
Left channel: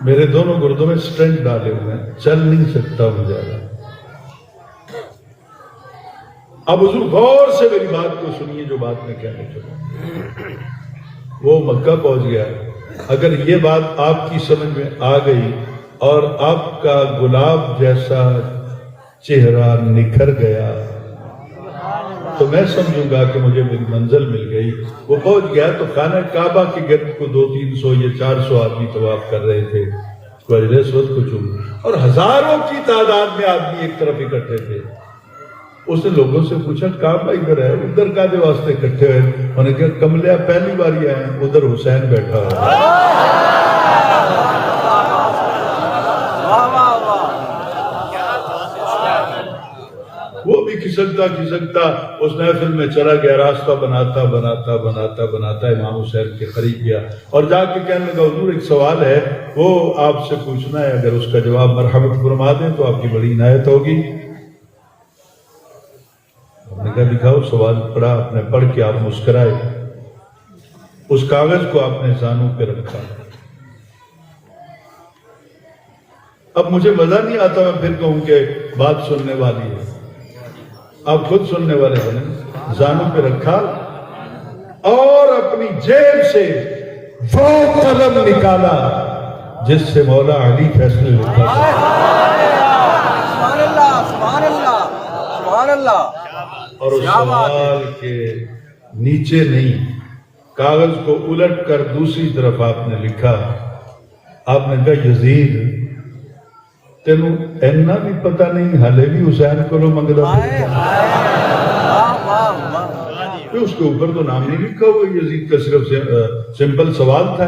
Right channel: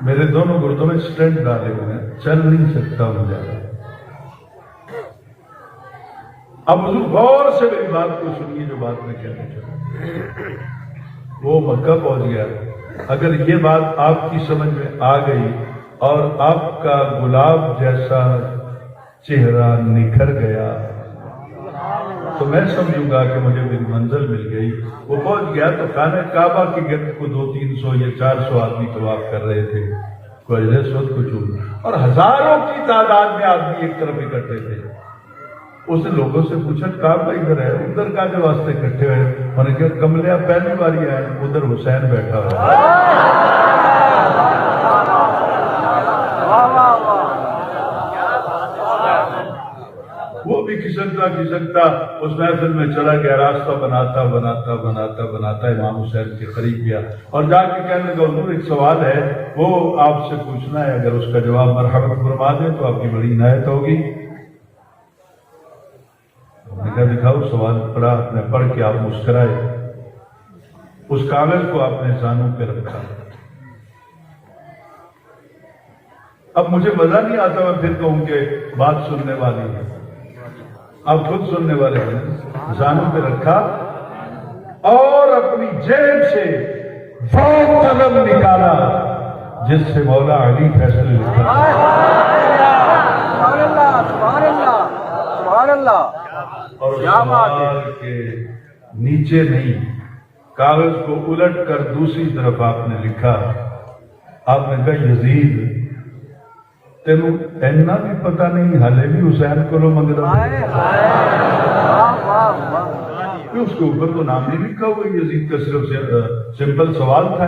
میرے دونوں گردوں میں سٹنٹ ڈالے ہوئے ہیں، چل نہیں سکتا ہوں زیادہ۔ اب حضور غور سے میری بات کو سنیے، جو بات میں کہنا چاہتا ہوں۔ وہ مکہ پہنچ گیا۔ اگر یہ بات آپ کی سمجھ میں آ گئی اور آپ کا گلاب جیسا چہرہ نکھر گیا تو میں سمجھوں گا کہ مجھے میری منزل مل گئی۔ وہ پہنچ گیا تو خانہ کعبہ کے گرد کو 200-300 یا 400 آدمی طواف کر رہے تھے، کوئی رسوت کو چوم، اور ہزاروں کی تعداد میں آدمی ایک طرف اکٹھے تھے۔ اس نے لوگوں سے پوچھا کعبہ ادھر ہے، ادھر کاہدے واسطے اکٹھے ہوئے؟ انہوں نے کہا کملیا پہلی بار ہی آئے، ادھر حسین بیٹھا ہے۔ وہ بھی کھسکتا اس محفل میں چلا گیا، راستہ بناتا بناتا بناتا بناتا امام حسین کے قریب گیا اور جا کے کہنے لگا حضور ایک سوال ہے، وہ آپ سے پوچھنا ہے، اگر اس کا جواب مرحبت فرما دیں تو آپ کی بڑی عنایت ہوگی۔ نے کہا دکھاؤ سوال پڑھا، آپ نے پڑھ کے آپ مسکرائے، اس کاغذ کو آپ نے زانوں پہ رکھا۔ اب مجھے مزہ نہیں آتا میں پھر کہوں کہ بات سننے والی ہے، آپ خود سننے والے ہیں۔ زانوں پہ رکھا اور اپنی جیب سے وہ قلم نکالا جس سے مولا علی فیصلے لکھا۔ اور اس سوال کے نیچے نہیں، کاغذ کو الٹ کر دوسری طرف آپ نے لکھا، آپ نے کہا یزید تینوں اینا بھی پتہ نہیں ہلے بھی حسین کو لو منگلا۔ اس کے اوپر تو نام نہیں لکھا ہوا، یزید کا صرف سمپل سوال تھا،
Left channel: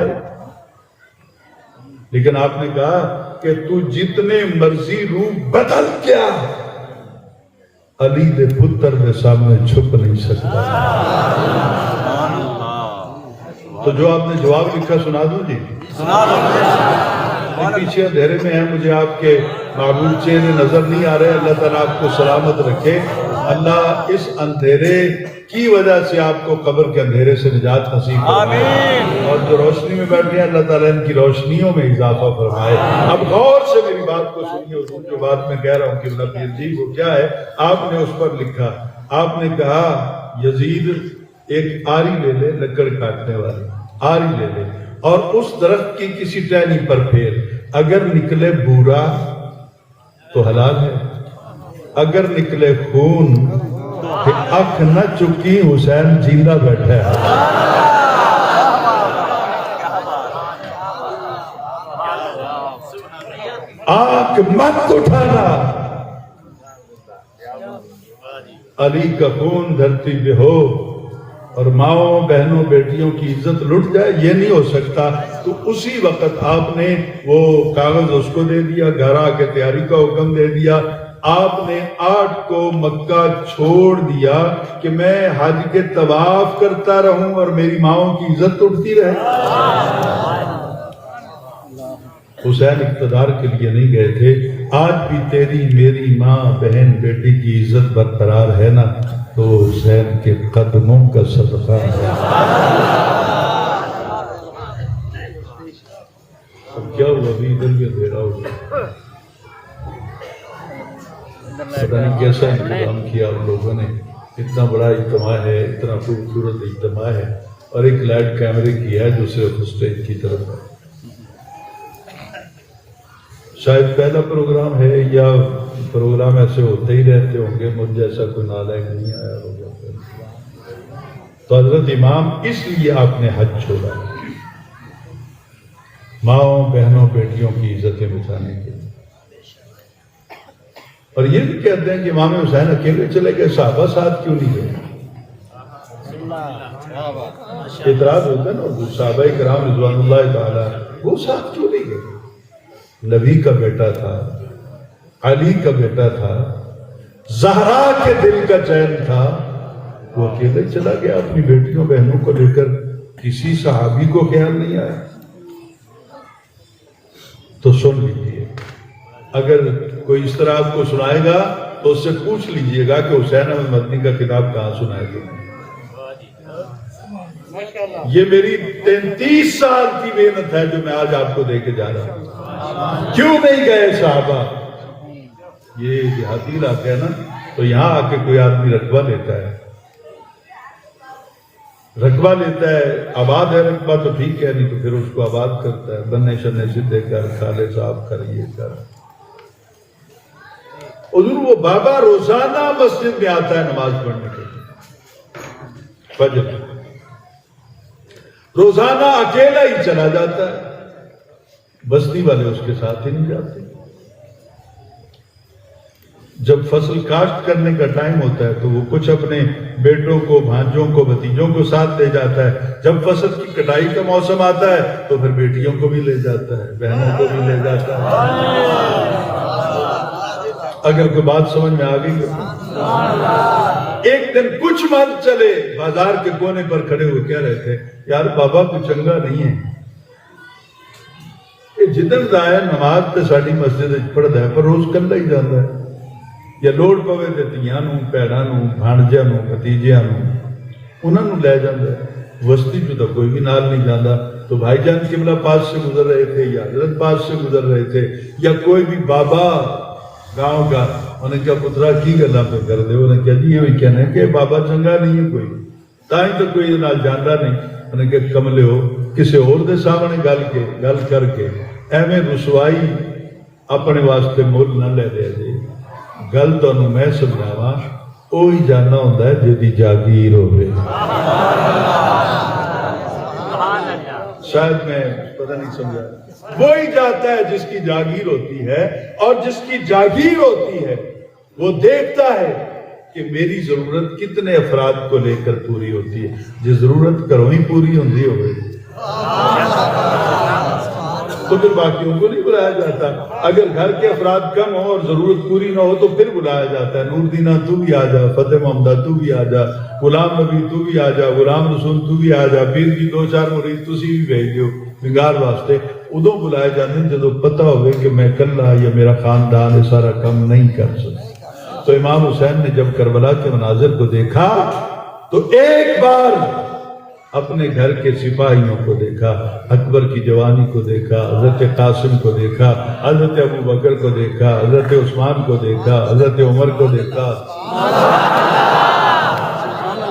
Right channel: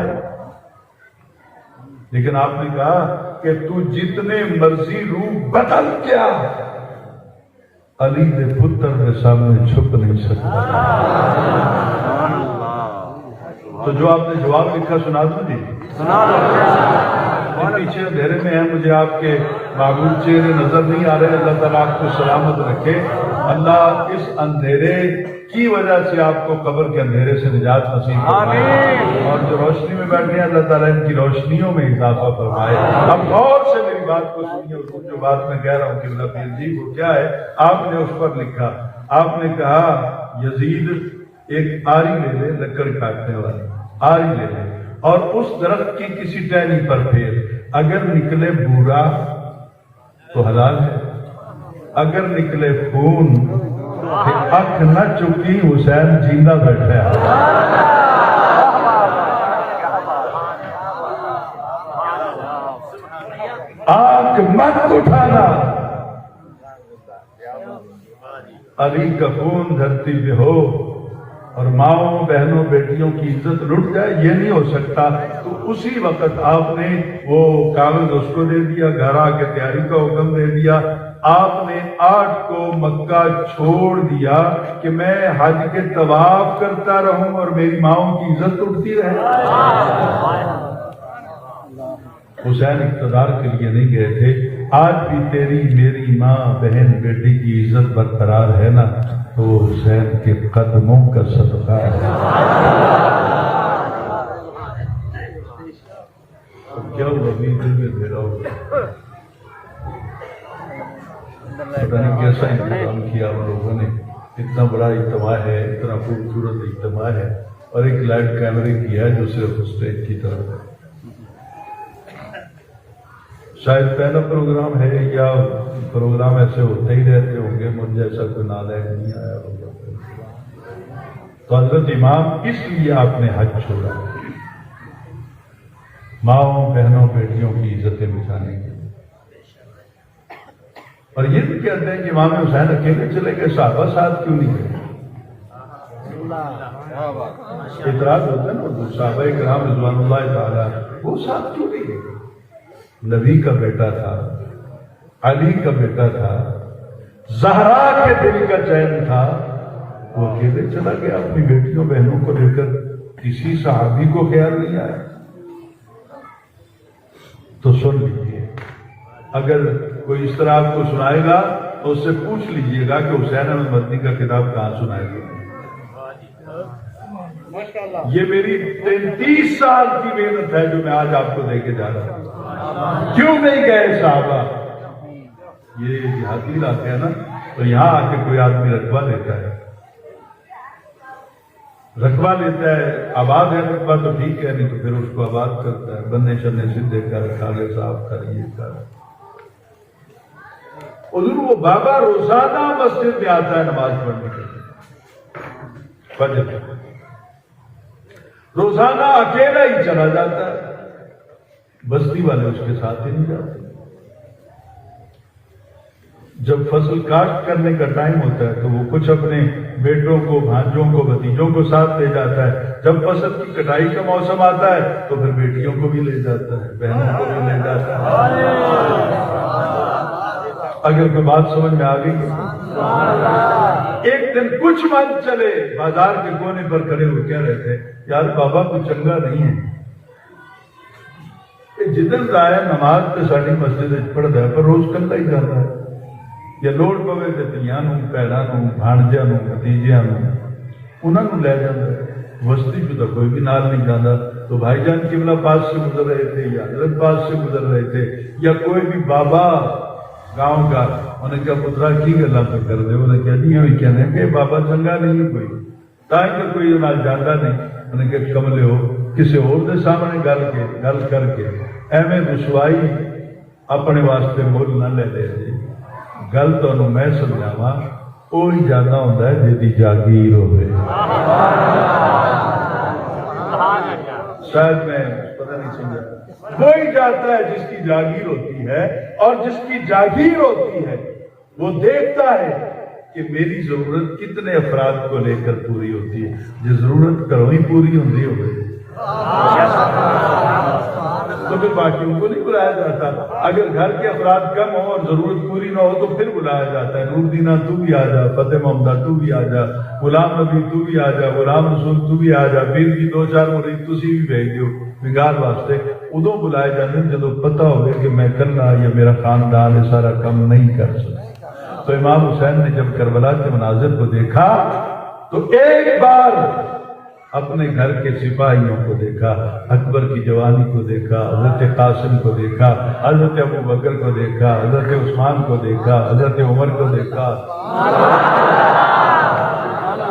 لیکن آپ نے کہا کہ تو جتنے مرضی روح بدل کیا علی دے پتر کے سامنے چھپ نہیں سکتا۔ تو جو آپ نے جواب لکھا سنا دوں جی؟ پیچھے اندھیرے میں ہیں، مجھے آپ کے معبود چہرے نظر نہیں آ رہے، اللہ تعالیٰ آپ کو سلامت رکھے، اللہ اس اندھیرے کی وجہ سے آپ کو قبر کے اندھیرے سے نجات نصیب فرمائے، اور جو روشنی میں بیٹھ گئے اللہ تعالیٰ ان کی روشنیوں میں اضافہ فرمائے۔ اب غور سے میری بات کو سنیے، حضور جو بات میں کہہ رہا ہوں کہ اللہ جی وہ کیا ہے، آپ نے اس پر لکھا، آپ نے کہا یزید ایک آری لے لے، لکڑ کاٹنے والی آری لے لے، اور اس درخت کی کسی ٹہنی پر پھیر، اگر نکلے بورا تو حلال ہے، اگر نکلے خون کہ اکھ نہ چکی حسین جیندہ بیٹھا ہے۔ آنکھ مت اٹھانا، علی کا خون دھرتی پہ ہو اور ماؤں بہنوں بیٹیوں کی عزت لٹ جائے، یہ نہیں ہو سکتا۔ تو اسی وقت آپ نے وہ کاغذ اس کو دے دیا، گھر آ کے تیاری کا حکم دے دیا، آپ نے 8 کو مکہ چھوڑ دیا کہ میں حج کے طواف کرتا رہوں اور میری ماؤں کی عزت اٹھتی رہے۔ حسین اقتدار کے لیے نہیں گئے تھے، آج بھی تیری میری ماں بہن بیٹی کی عزت برقرار ہے نا، تو حسین کے قدموں کا صدقہ ہے۔ کیا ہوا ابھی ادھر بھی اندھیرا ہوگا، پتہ نہیں کیسا انتظام کیا آپ لوگوں نے۔ اتنا بڑا اجتماع ہے، اتنا خوبصورت اجتماع ہے، اور ایک لائٹ کیمرے کی ہے جو صرف اسٹیج کی طرف ہے۔ شاید پہلا پروگرام ہے یا پروگرام ایسے ہوتے ہی رہتے ہوں گے، مجھ جیسا کوئی نالائق نہیں آیا ہوگا۔ تو حضرت امام اس لیے آپ نے حج چھوڑا، ماؤں بہنوں بیٹیوں کی عزتیں بچانے کے لیے۔ اور یہ بھی کہتے ہیں کہ امام حسین اکیلے چلے گئے، صحابہ ساتھ کیوں نہیں گئے؟ اعتراض ہوتا ہے نا، صحابہ کرام رضوان اللہ تعالی وہ ساتھ کیوں نہیں گئے؟ نبی کا بیٹا تھا، علی کا بیٹا تھا، زہرا کے دل کا چین تھا، وہ اکیلے چلا گیا اپنی بیٹیوں بہنوں کو لے کر، کسی صحابی کو خیال نہیں آیا۔ تو سن لیجیے، اگر کوئی اس طرح آپ کو سنائے گا تو اس سے پوچھ لیجئے گا کہ حسین احمد مدنی کا کتاب کہاں سنائے گا۔ یہ میری 33 سال کی محنت ہے جو میں آج آپ کو دے کے جا رہا ہوں۔ کیوں نہیں گئے صحابہ؟ یہ دیہاتی علاقے ہیں نا، تو یہاں آ کے کوئی آدمی رقبہ لیتا ہے، آباد ہے رقبہ تو ٹھیک ہے، نہیں تو پھر اس کو آباد کرتا ہے، بننے شننے سدھے کر، کھالے صاف کر، یہ کر۔ حضور وہ بابا روزانہ مسجد میں آتا ہے نماز پڑھنے کے لیے، فجر روزانہ اکیلا ہی چلا جاتا ہے، بستی والے اس کے ساتھ ہی نہیں جاتے۔ جب فصل کاشت کرنے کا ٹائم ہوتا ہے تو وہ کچھ اپنے بیٹوں کو، بھانجوں کو، بھتیجوں کو ساتھ لے جاتا ہے۔ جب فصل کی کٹائی کا موسم آتا ہے تو پھر بیٹیوں کو بھی لے جاتا ہے، بہنوں کو بھی لے جاتا ہے۔ اگر کوئی بات سمجھ میں آ گئی، ایک دن کچھ من چلے، بازار کے کونے پر کھڑے ہوئے کہہ رہے تھے، یار بابا کو چنگا نہیں ہے، جدن دایا نماز تے ساڑی مسجد پڑھتا ہے پر روز کلا ہی جاتا ہے، یا لوڑ پوے تے تیاں نوں، پیڑاں نوں، بھانجیاں نوں، بھتیجیاں نوں، انہاں نوں لے جاتا ہے، وسطی جو تو کوئی بھی نال نہیں جاتا۔ تو بھائی جان قبلہ پاس سے گزر رہے تھے یا حضرت پاس سے گزر رہے تھے، یا کوئی بھی بابا گاؤں کا، انہیں کہا پترا کی گلا پہ کر دے، انہیں کہا جی ہمیں کہنے کہ بابا چنگا نہیں ہے کوئی، تائیں تو کوئی نال جاندا نہیں۔ انہیں کہا کملے ہو، کسی اور دے سامنے گل کر کے ایویں رسوائی اپنے واسطے مول نہ لے دے جی۔ گل تو انہوں میں سمجھاواں، اوہی جانا ہوتا ہے جیدی جاگیر ہوئے۔ شاید میں پتہ نہیں سمجھا، وہی جاتا ہے جس کی جاگیر ہوتی ہے، اور جس کی جاگیر ہوتی ہے وہ دیکھتا ہے کہ میری ضرورت کتنے افراد کو لے کر پوری ہوتی ہے۔ جس ضرورت کرو ہی پوری ہوندی ہوئے تو پھر باقیوں کو نہیں بلایا جاتا۔ اگر گھر کے افراد کم ہوں اور ضرورت پوری نہ ہو تو پھر بلایا جاتا ہے، نور دینہ تو بھی آ جا، فتح محمدہ تو بھی آ جا، غلام نبی تو بھی آ جا، غلام رسول تو بھی آ جا، پیر کی 2-4 مرید تسی بھی بھیج دیو نگار واسطے۔ ادوں بلائے جاتے ہیں جدو پتہ ہوئے کہ میں کلا یا میرا خاندان ہے سارا کم نہیں کر سکتا۔ تو امام حسین نے جب کربلا کے مناظر کو دیکھا تو ایک بار اپنے گھر کے سپاہیوں کو دیکھا، اکبر کی جوانی کو دیکھا، حضرت قاسم کو دیکھا، حضرت ابو بکر کو دیکھا، حضرت عثمان کو دیکھا، حضرت عمر کو دیکھا۔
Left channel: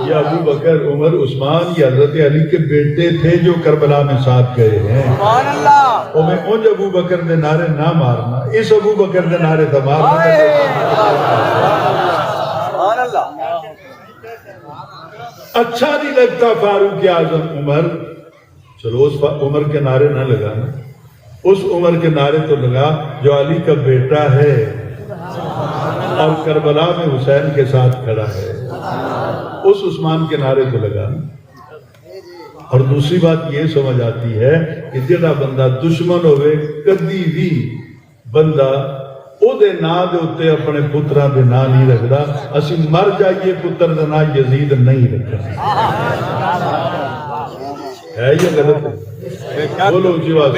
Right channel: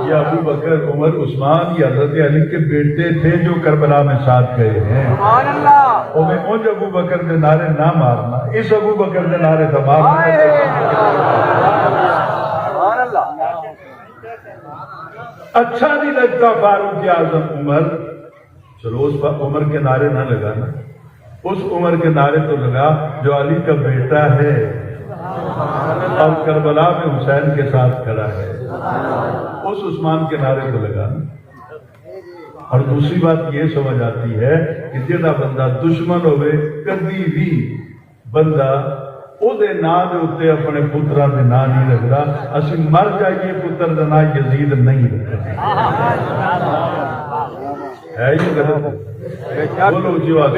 یہ ابو بکر، عمر، عثمان یہ حضرت علی کے بیٹے تھے جو کربلا میں ساتھ گئے ہیں۔ انج ابو بکر دے نعرے نہ مارنا، اس ابو بکر دے نعرے تو مارنا۔ اچھا نہیں لگتا فاروق اعظم عمر، چلو اس عمر کے نعرے نہ لگانا، اس عمر کے نعرے تو لگا جو علی کا بیٹا ہے اور کربلا میں حسین کے ساتھ کھڑا ہے، اس عثمان کے نعرے تو لگانا۔ اور دوسری بات یہ سمجھ آتی ہے کہ جڑا بندہ دشمن ہوئے کدی بھی بندہ او دے نا دے اتے اپنے پترہ دے نا نہیں رکھدا۔ اسی مر جائیے پتر دے نا یزید نہیں رکھدا ہے، یہ غلط ہے؟ بولو جی بات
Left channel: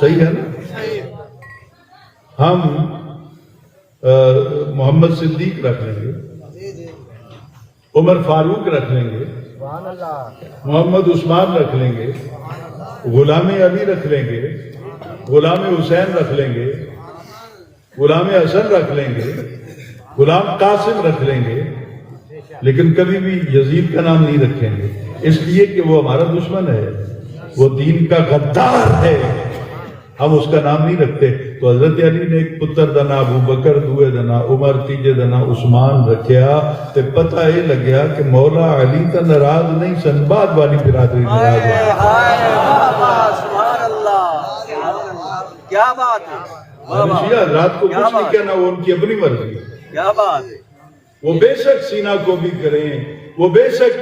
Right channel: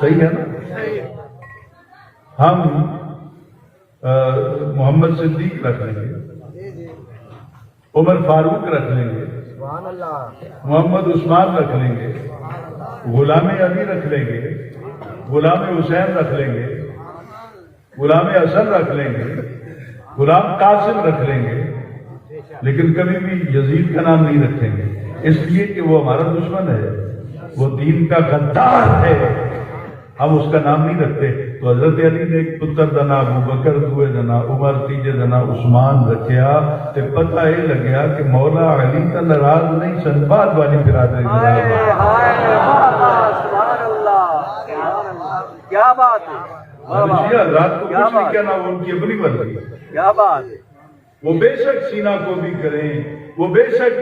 صحیح ہے نا؟ ہم محمد صدیق رکھ لیں گے، عمر فاروق رکھ لیں گے، محمد عثمان رکھ لیں گے، غلام علی رکھ لیں گے، غلام حسین رکھ لیں گے، غلام حسن رکھ لیں گے، غلام قاسم رکھ لیں گے، لیکن کبھی بھی یزید کا نام نہیں رکھیں گے، اس لیے کہ وہ ہمارا دشمن ہے، وہ دین کا غدار ہے، ہم اس کا نام نہیں رکھتے۔ تو حضرت علی نے ایک پتر دنا ابو بکر، دوے دنا عمر، تیجے دنا عثمان رکھیا، تے پتہ یہ لگیا کہ مولا علی تا ناراض نہیں سن، بعد والی برادری ناراض کیا بات ہے، شیعہ حضرات کو کچھ نہیں کہنا، وہ ان کی اپنی مرضی ہے، کیا بات ہے۔ وہ بے شک سینہ کو بھی کریں، وہ بے شک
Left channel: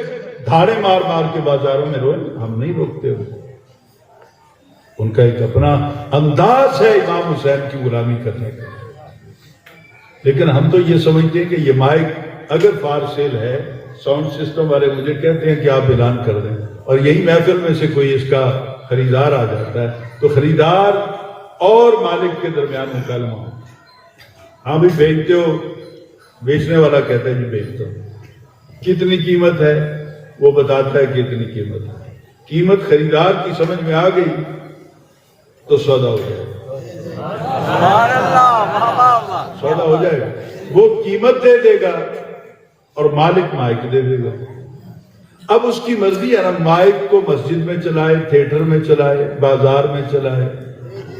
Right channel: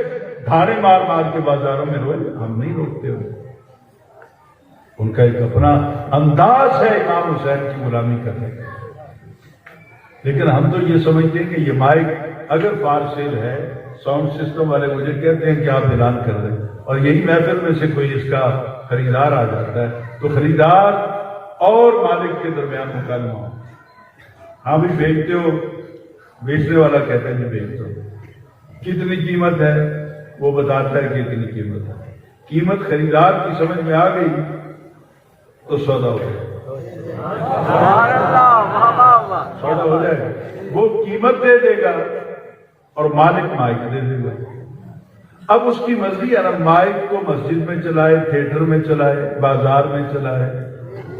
دھاڑے مار مار کے بازاروں میں روئیں، ہم نہیں روکتے ہو۔ ان کا ایک اپنا انداز ہے امام حسین کی غلامی کرنے کا، لیکن ہم تو یہ سمجھتے ہیں کہ یہ مائک اگر فار سیل ہے، ساؤنڈ سسٹم والے مجھے کہتے ہیں کہ آپ اعلان کر دیں، اور یہی محفل میں سے کوئی اس کا خریدار آ جاتا ہے تو خریدار اور مالک کے درمیان مکالمہ ہو، ہاں بھی بیچتے ہو، بیچنے والا کہتا ہے جی بیچتا ہو، کتنی قیمت ہے وہ بتاتا ہے کہ اتنی قیمت ہے، قیمت خریدار کی سمجھ میں آ گئی تو سودا ہو جائے سودا ہو جائے گا، وہ قیمت دے دے گا اور مالک مائک دے دے گا۔ اب اس کی مرضی ہے نا، مائک کو مسجد میں چلائے، تھیٹر میں چلائے، بازار میں چلائے،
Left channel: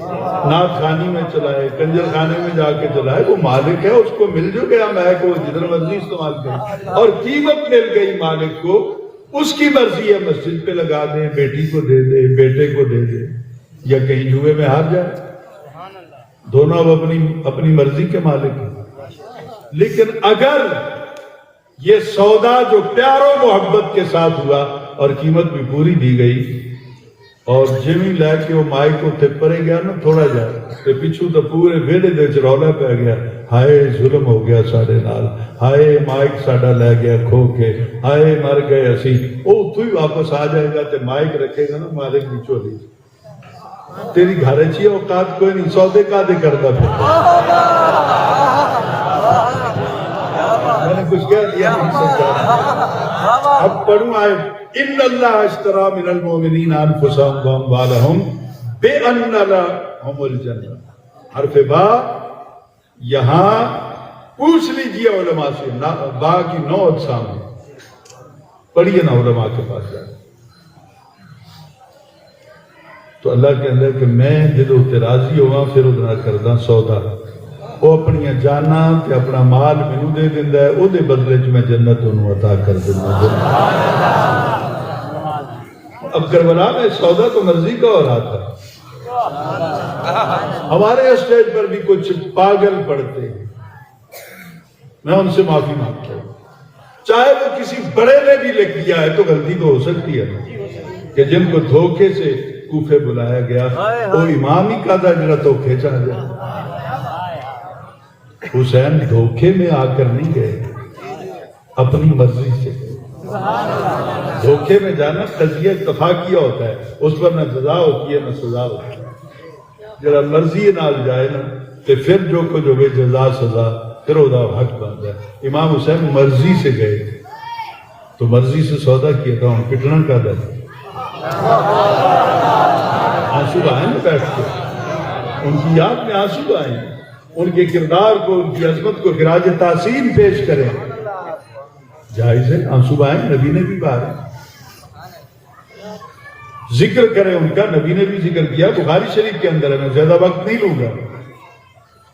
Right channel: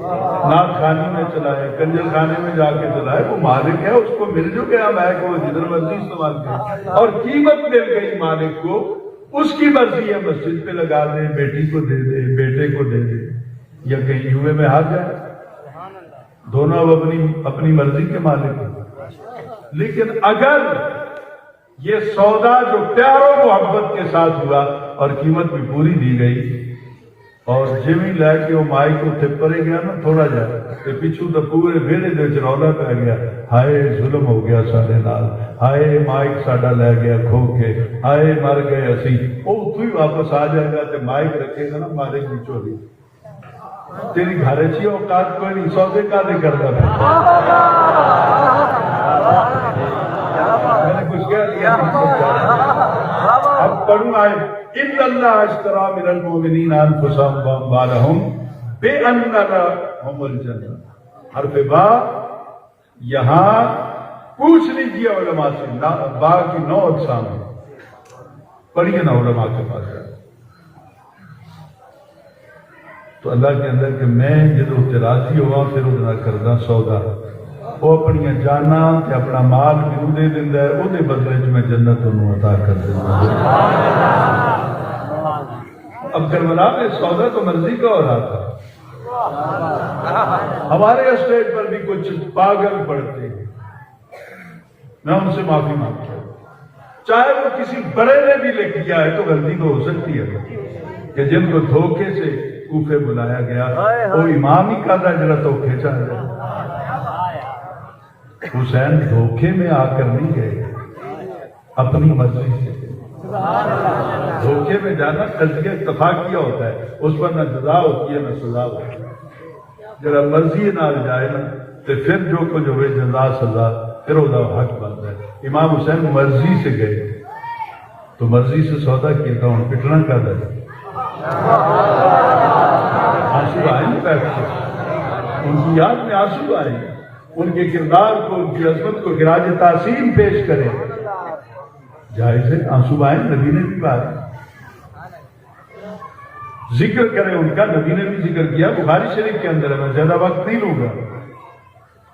نعت خوانی میں چلائے، کنجر خانے میں جا کے چلائے، وہ مالک ہے، اس کو مل جو گیا مائک کو جدھر مرضی استعمال کرے، اور قیمت مل گئی مالک کو، اس کی مرضی ہے مسجد پہ لگا دے، بیٹی کو دے دے، بیٹے کو دے دے، یا کہیں جوئے میں ہار جائے، دونوں اب اپنی مرضی کے مالک ہیں۔ لیکن اگر یہ سودا جو پیار و محبت کے ساتھ ہوا اور قیمت بھی پوری دی گئی، اور جمی لے کے وہ مائی کو پڑے گیا نا تھوڑا جا تے پچھو تو پورے ویڑے دے وچ رولا پہ گیا، ہائے ظلم ہو گیا ساڈے نال، ہائے مائک ساڈا لے گیا کھو کے، ہائے مر گئے اسی، وہ تو ہی واپس آ جائے گا تے مائک رکھے گا نا مالک کی چولی، تیری گھر چی اوقات کوئی نہیں، سودے کا دے کرتا پھر میں نے کچھ کہہ دیا نہیں سمجھا۔ اب پڑھوں آئے ان اللہ اشترا من المؤمنین انفسهم واموالهم بان لهم الجنہ، حرف با یہاں پوچھ لیجئے علماء سے، با کی 9 اقسام ہے، پڑھیے نا علماء کے پاس جائے تو اللہ کے اندر کہ میں جدو تے راضی ہوگا پھر ادنا کردہ سودا، وہ اپنی جانا کہ اپنا مال بھی دے دیندہ ہے، وہ دے بدلے جو میں جنت انہوں عطا کر دیندہ ہے۔ اب کربلا میں سودا تو مرضی کا ہو رہا تھا، ہمارے اسٹیج پر بھی کچھ پاگل پڑتے ہیں، میں ان سے معافی مانگتا ہوں، چاہے وہ کسی بڑے نے بھی لکھیا ہے تو غلطی تو ہو سکتی ہے کہ جن کو دھوکے سے کوفے بلایا گیا، وہ امام ہی کا تھا جنہا دھوکے چاہ جائے، حسین دھوکے میں آ کر نہیں گئے، اپنی مرضی سے، دھوکے میں جانا قضیہ اتفاقیہ ہوتا ہے، اس پر نہ جزا ہوتی ہے نہ سزا ہوتی ہے، جنہا مرضی نہ جائے نا تو پھر جو کچھ ہوئے جزا سزا پھر ہوتا حق بات ہے۔ امام حسین مرضی سے گئے تو مرضی سے سودا کیا تھا، انہوں پٹنا کا دے، آنسو آئیں گے بیٹھ کے، ان کی یاد میں آنسو آئیں گے، ان کے کردار کو، ان کی عظمت کو خراج تحسین پیش کریں، جائز ہے، آنسو آئیں، نبی نے بھی کہا، ذکر کریں ان کا، نبی نے بھی ذکر کیا، بخاری شریف کے اندر ہے، میں زیادہ وقت نہیں لوں گا۔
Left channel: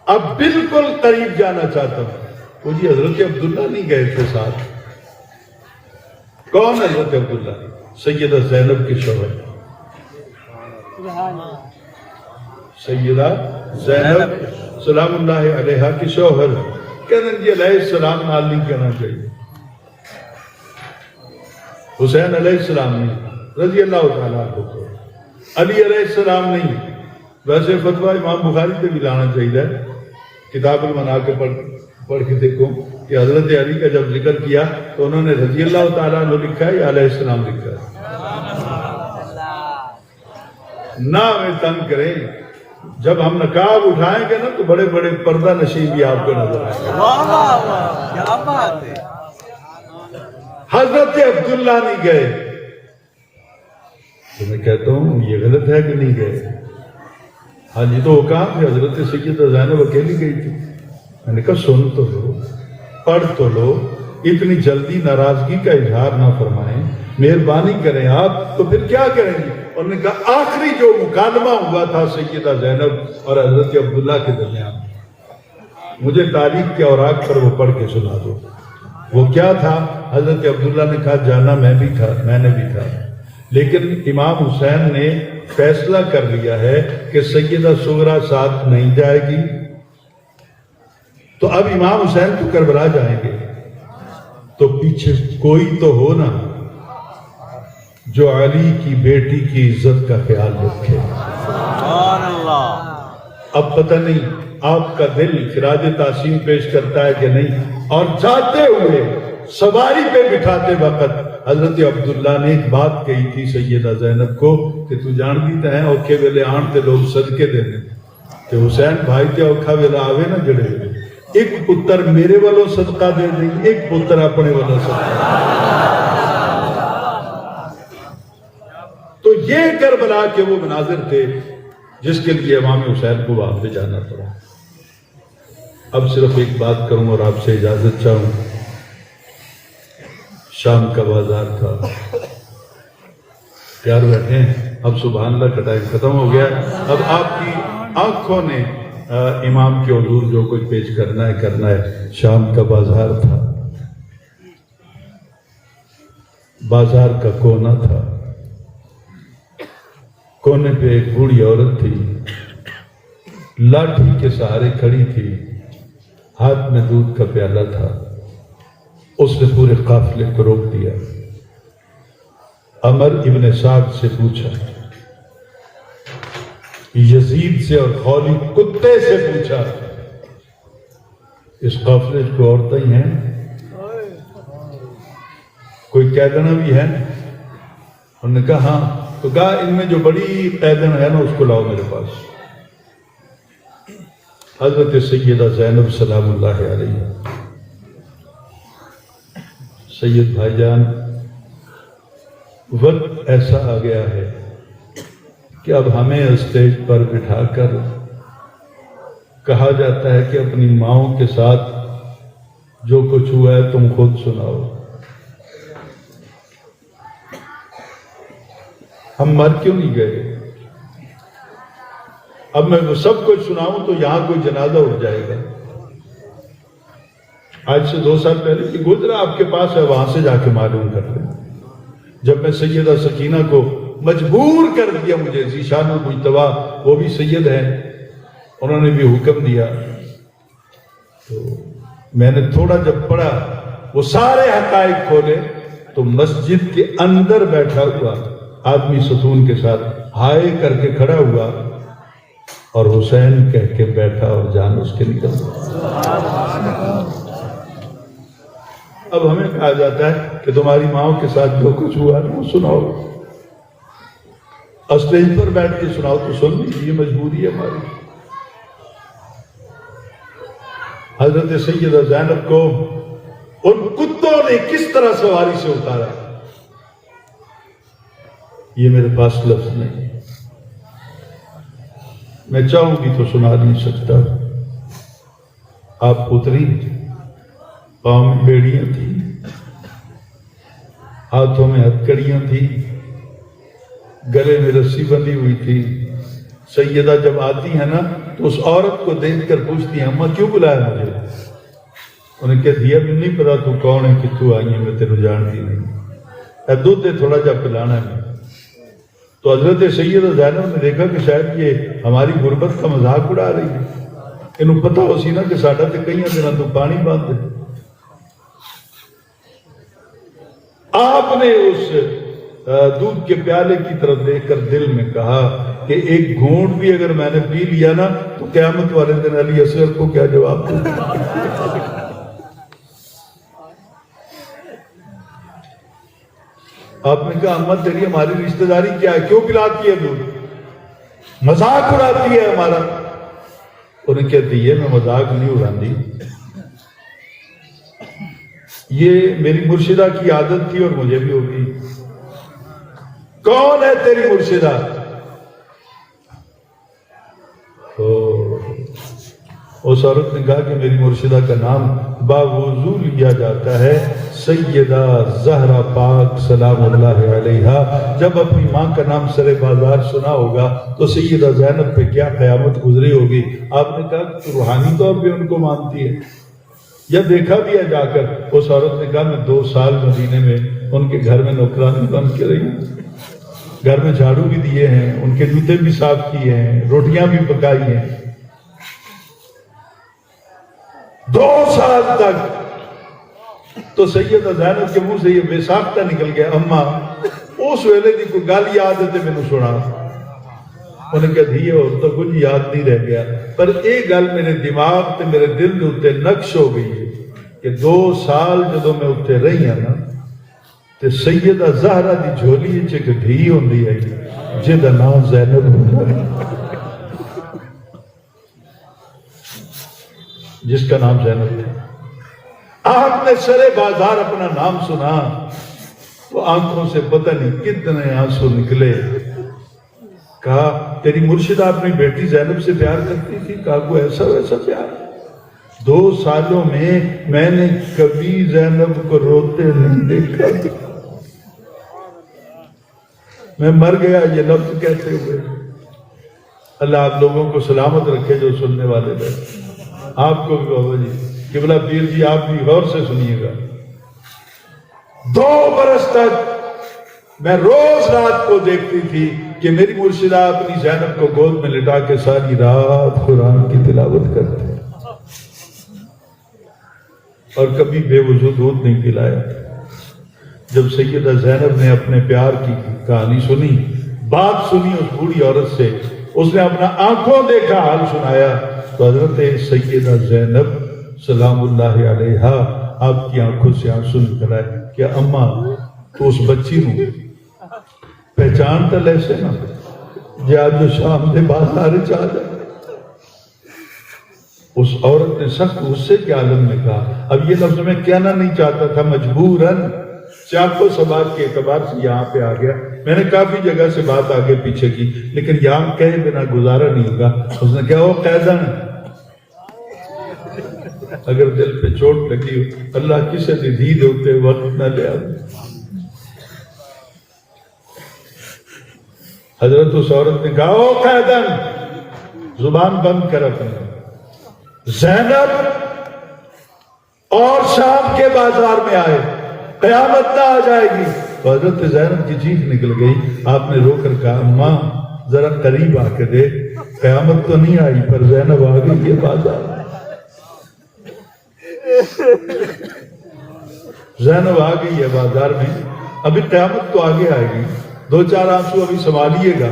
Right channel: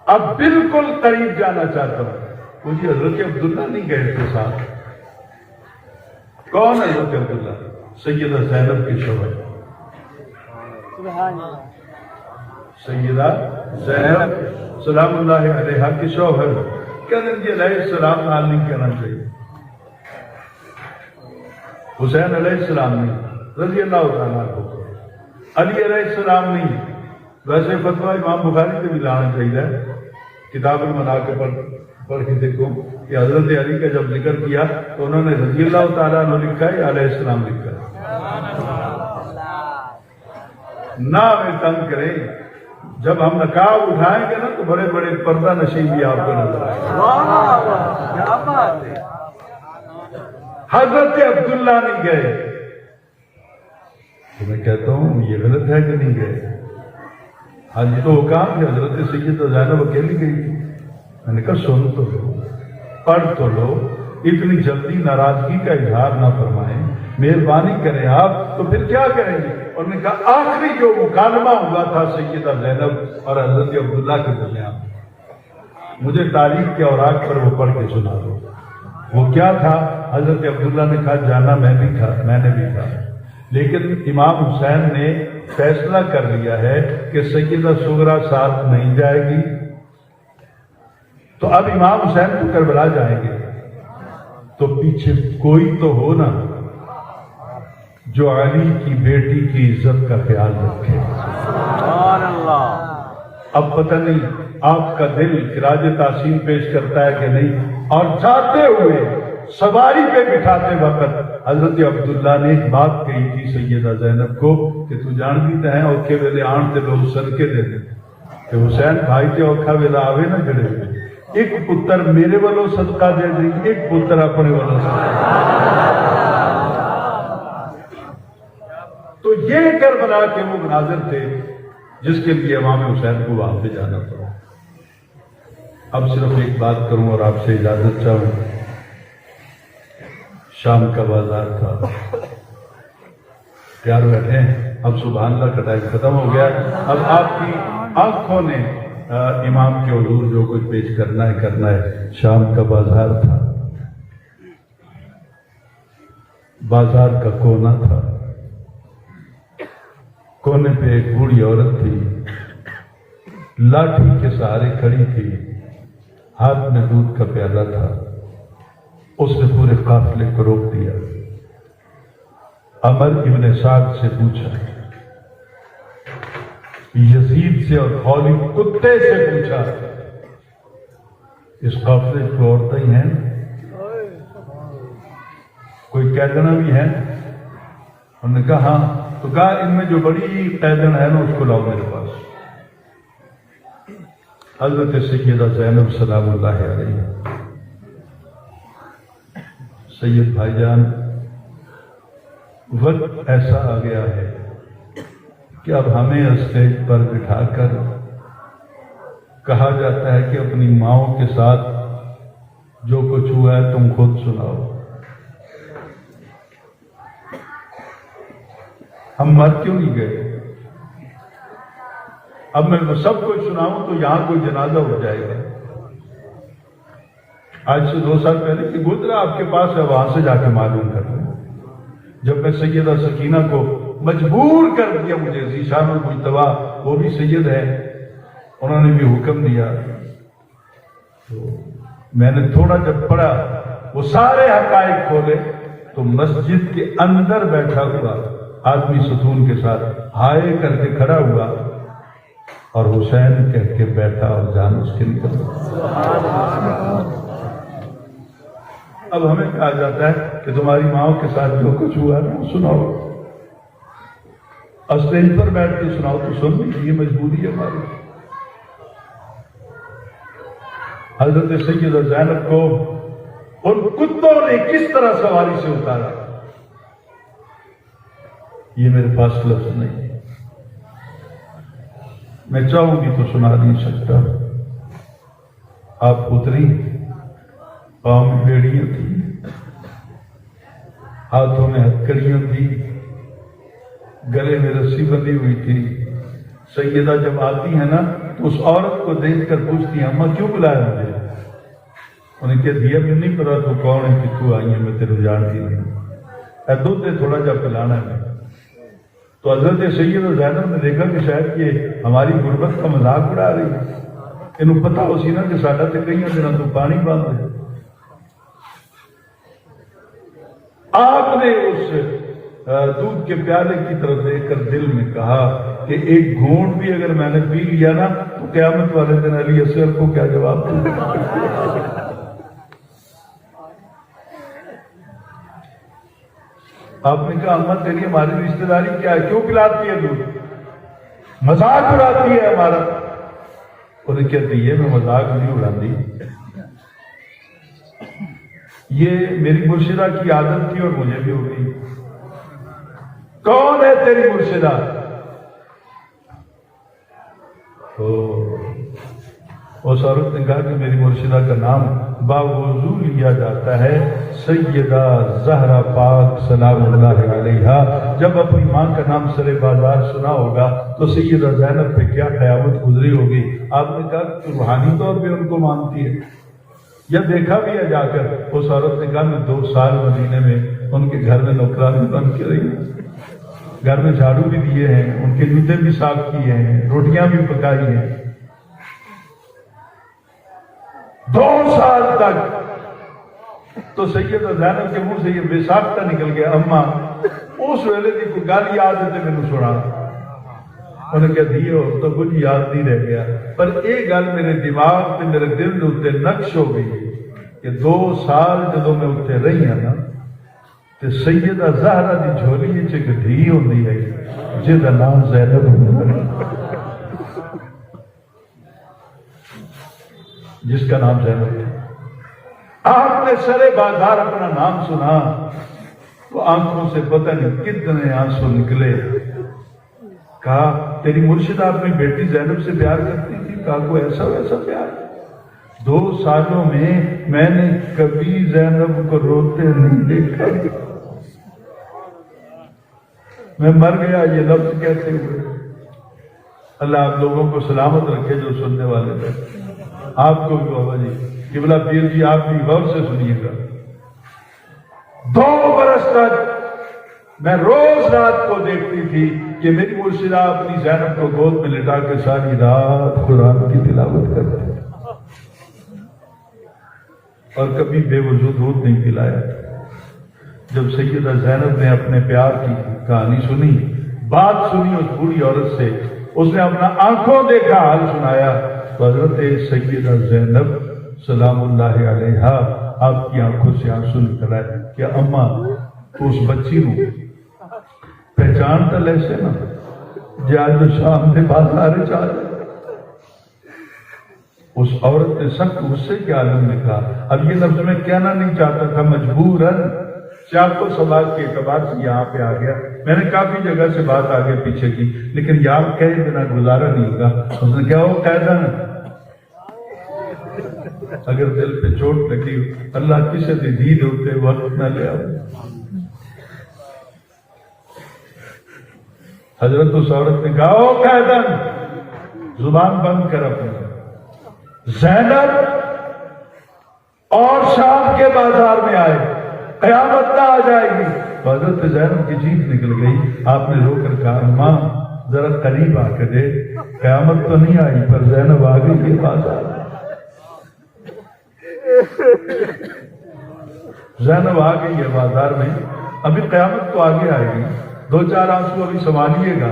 اب بالکل قریب جانا چاہتا ہوں، وہ جی حضرت عبداللہ نہیں گئے تھے ساتھ، کون حضرت عبداللہ؟ سیدہ زینب کے شوہر، سیدہ زینب سلام اللہ علیہا کے شوہر، کہتے ہیں جی علیہ السلام نال نہیں کہنا چاہیے، حسین علیہ السلام نہیں، رضی اللہ تعالیٰ کو، علی علیہ السلام نہیں، ویسے فتویٰ امام بخاری سے بھی لانا چاہیے، کتاب المناقب پڑھ کے دیکھو کہ حضرت علی کا جب ذکر کیا تو انہوں نے رضی اللہ تعالیٰ عنہ لکھا ہے یا علیہ السلام لکھا ہے، نہ ہمیں تنگ کریں، جب ہم نقاب اٹھائیں گے نا تو بڑے بڑے پردہ نشین بھی آپ کو نظر آئے، حضرت عبداللہ نہیں گئے، تو میں کہتا ہوں یہ غلط ہے کہ نہیں گئے، ہاں جی تو وہ کہاں کہ حضرت سیدہ زینب اکیلی گئی تھی، میں نے کہا سن تو لو، پڑھ تو لو، اتنی جلدی ناراضگی کا اظہار نہ فرمائیں، مہربانی کریں آپ، تو پھر کیا کریں گے؟ انہوں نے کہا آخری جو مکالمہ ہوا تھا سیدہ زینب اور حضرت عبداللہ کے درمیان، مجھے تاریخ کے اوراق پر وہ پڑھ کے سنا دو۔ وہ کیا تھا؟ حضرت عبداللہ نے کہا جانا میں بھی تھا، میں نے بھی تھا، لیکن امام حسین نے فیصلہ کر لیا ہے کہ سیدہ صغرا ساتھ نہیں جائے گی، تو اب امام حسین تو کربلا جائیں گے، تو پیچھے کوئی تو ہو نا جو علی کی بیٹی کی عزت کا خیال رکھے۔ اب پتہ نہیں آپ کا دل خراج تحسین پیش کرتا ہے کہ نہیں۔ اور جاتے ہوئے سواری پہ بٹھاتے وقت حضرت عبداللہ نے ایک بات کہی تھی سیدہ زینب کو کہ تو جانتی تے ہیں اوکھے ویلے آن تے لوگ صدقے دے دیں کہ حسین بھائی تے اوکھا ویلا آوے نہ جڑے ہوئے، ایک پتر میرے والوں صدقہ دے دیں، ایک پتر اپنے والوں صدقہ۔ تو یہ کربلا کے وہ مناظر تھے جس کے لیے امام حسین کو وہاں پہ جانا تھا۔ اب صرف ایک بات کروں اور آپ سے اجازت چاہوں۔ شام کا بازار تھا، پیار بیٹھے ہیں، اب سبحان اللہ کا ٹائم ختم ہو گیا، اب آپ کی آنکھوں نے امام کے حضور جو کچھ پیش کرنا ہے۔ شام کا بازار تھا، بازار کا کونا تھا، کونے پہ ایک بوڑھی عورت تھی، لاٹھی کے سہارے کھڑی تھی، ہاتھ میں دودھ کا پیالہ تھا۔ اس نے پورے قافلے کو روک دیا، عمر ابن سعد سے پوچھا، یزید سے اور خولی کتے سے پوچھا، اس قافلے کو عورتیں ہی ہیں؟ کوئی قیدنا بھی ہے؟ انہوں نے کہا ہاں۔ تو کہا ان میں جو بڑی قیدن ہے نا اس کو لاؤ میرے پاس۔ حضرت سیدہ زینب سلام اللہ علیہ، سید بھائی جان، وقت ایسا آ گیا ہے کہ اب ہمیں اسٹیج پر بٹھا کر کہا جاتا ہے کہ اپنی ماؤں کے ساتھ جو کچھ ہوا ہے تم خود سناؤ۔ ہم مر کیوں نہیں گئے؟ اب میں سب کچھ سناؤں تو یہاں کوئی جنازہ اٹھ جائے گا۔ آج سے 2 سال پہلے کہ گزرا آپ کے پاس ہے، وہاں سے جا کے معلوم کر لیں۔ جب میں سیدہ سکینہ کو مجبور کر دیا، مجھے ذیشان المجتبیٰ وہ بھی سید ہیں، انہوں نے بھی حکم دیا، تو میں نے تھوڑا جب پڑھا وہ سارے حقائق کھولے تو مسجد کے اندر بیٹھا ہوا آدمی ستون کے ساتھ ہائے کر کے کھڑا ہوا اور حسین کہہ کے بیٹھا اور جان اس کے نکل۔ اب ہمیں کہا جاتا ہے کہ تمہاری ماؤں کے ساتھ جو کچھ ہوا ہے سناؤ، اسٹیج پر بیٹھ کے سناؤ تو سن لی، یہ مجبوری ہے ہماری۔ حضرت سیدہ زینب کو ان کتوں نے کس طرح سواری سے اتارا، یہ میرے پاس لفظ نہیں، میں چاہوں گی تو سنا نہیں سکتا۔ آپ اتری، پاؤں میں بیڑیاں تھیں، ہاتھوں میں ہتکڑیاں تھیں، گلے میں رسی بندھی ہوئی تھی۔ سیدہ جب آتی ہے نا تو اس عورت کو دیکھ کر پوچھتی ہیں اماں کیوں بلایا مجھے؟ انہیں کہہ دیا مجھے نہیں پتا تو کون ہے، کتوں آئی ہے، میں تیرے جانتی نہیں، اے دودھ دے تھوڑا جا پلانا ہے۔ تو حضرت سیدہ زینب نے دیکھا کہ شاید یہ ہماری غربت کا مذاق اڑا رہی ہے، انہوں پتا ہو سی نا کہ ساڈا تے کئی دنوں تو پانی باندھ دے۔ آپ نے اس دودھ کے پیالے کی طرف دیکھ کر دل میں کہا کہ ایک گھونٹ بھی اگر میں نے پی لیا نا تو قیامت والے دن علی اصغر کو کیا جواب دوں؟ آپ نے کہا اماں تیری ہماری رشتہ داری کیا ہے، کیوں پلاتی ہے دودھ، مذاق اڑاتی ہے ہمارا؟ انہیں کہتی ہے میں مذاق نہیں اڑاتی، یہ میری مرشدہ کی عادت تھی اور مجھے بھی ہوگی۔ کون ہے تیری مرشدہ؟ اس عورت نے کہا کہ میری مرشدہ کا نام باوضو لیا جاتا ہے سیدہ زہرا پاک سلام اللہ علیہا۔ جب اپنی ماں کا نام سر بازار سنا ہوگا تو سیدہ زینب پہ کیا قیامت گزری ہوگی۔ آپ نے کہا کہ روحانی طور پہ ان کو مانتی ہے یا دیکھا بھی ہے جا کر؟ اس عورت نے کہا میں 2 سال مدینے میں ان کے گھر میں نوکرانی بن کے رہی، گھر میں جھاڑو بھی دیے ہیں، ان کے جوتے بھی صاف کیے ہیں، روٹیاں بھی پکائی ہیں۔ 2 سال تک تو سیدہ زینب کے منہ سے یہ بے ساختہ نکل گیا، اماں اس ویلے کی کوئی گل یاد ہے تو مینوں سنا۔ انہوں نے کہا دھیے ہو تو کچھ یاد نہیں رہ گیا، پر ایک گل میرے دماغ تے میرے دل دے اوتے نقش ہو گئی ہے کہ 2 سال جدوں میں اتنے رہی ہوں نا تے سیدہ زہرا دی جھولی وچ ایک دھی ہوندی ہے جہدا نام زینب ہوندا ہے، جس کا نام زینب تھا۔ آپ نے سرے بازار اپنا نام سنا تو آنکھوں سے پتہ نہیں کتنے آنسو نکلے۔ کہا تیری مرشدہ اپنی بیٹی زینب سے پیار کرتی تھی؟ کہا کوئی ایسا ویسا پیار؟ 2 سالوں میں نے کبھی زینب کو روتے نہیں دیکھا۔ میں مر گیا یہ لفظ کہتے ہوئے۔ اللہ آپ لوگوں کو سلامت رکھے جو سننے والے بیٹھے، آپ کو بھی بابا جی قبلہ پیر جی آپ بھی غور سے سنیے گا۔ 2 برس تک میں روز رات کو دیکھتی تھی کہ میری مرشدہ اپنی زینب کو گود میں لٹا کے ساری رات قرآن کی تلاوت کرتی اور کبھی بے وضو دودھ نہیں پلایا۔ جب سیدہ زینب نے اپنے پیار کی کہانی سنی، بات سنی اس بوڑھی عورت سے، اس نے اپنا آنکھوں دیکھا حال سنایا، تو حضرت سیدہ زینب سلام اللہ علیہا آپ کی آنکھوں سے آنسو نکل آئے کہ اماں تو اس بچی نو پہچان تو لیسے نا جی آج جو شام دے بازار چاہ جائے۔ اس عورت نے سخت غصے کے عالم میں کہا، اب یہ لفظ میں کہنا نہیں چاہتا تھا، مجبوراً چاقو سباق کے اعتبار سے یہاں پہ آ گیا۔ میں نے کافی جگہ سے بات آگے پیچھے کی لیکن یہاں کہے بنا گزارا نہیں ہوگا۔ اس نے کہا وہ قیدن اگر دل پہ چوٹ لگی ہو اللہ کسے دی دید ہوتے وقت نہ لے آؤ۔ حضرت اس عورت نے کہا او قیدن زبان بند کر اپنے، زینب اور شام کے بازار میں آئے، قیامت نہ آ جائے گی۔ تو حضرت زینب کی چیخ نکل گئی۔ آپ نے رو کر کہا اماں ذرا قریب آ کے دے، قیامت تو نہیں آئی پر زینب آ گئی یہ بازار۔ زینب آ گئی ہے بازار میں، ابھی قیامت تو آگے آئے گی، 2-4 آنسو ابھی سنبھالیے گا۔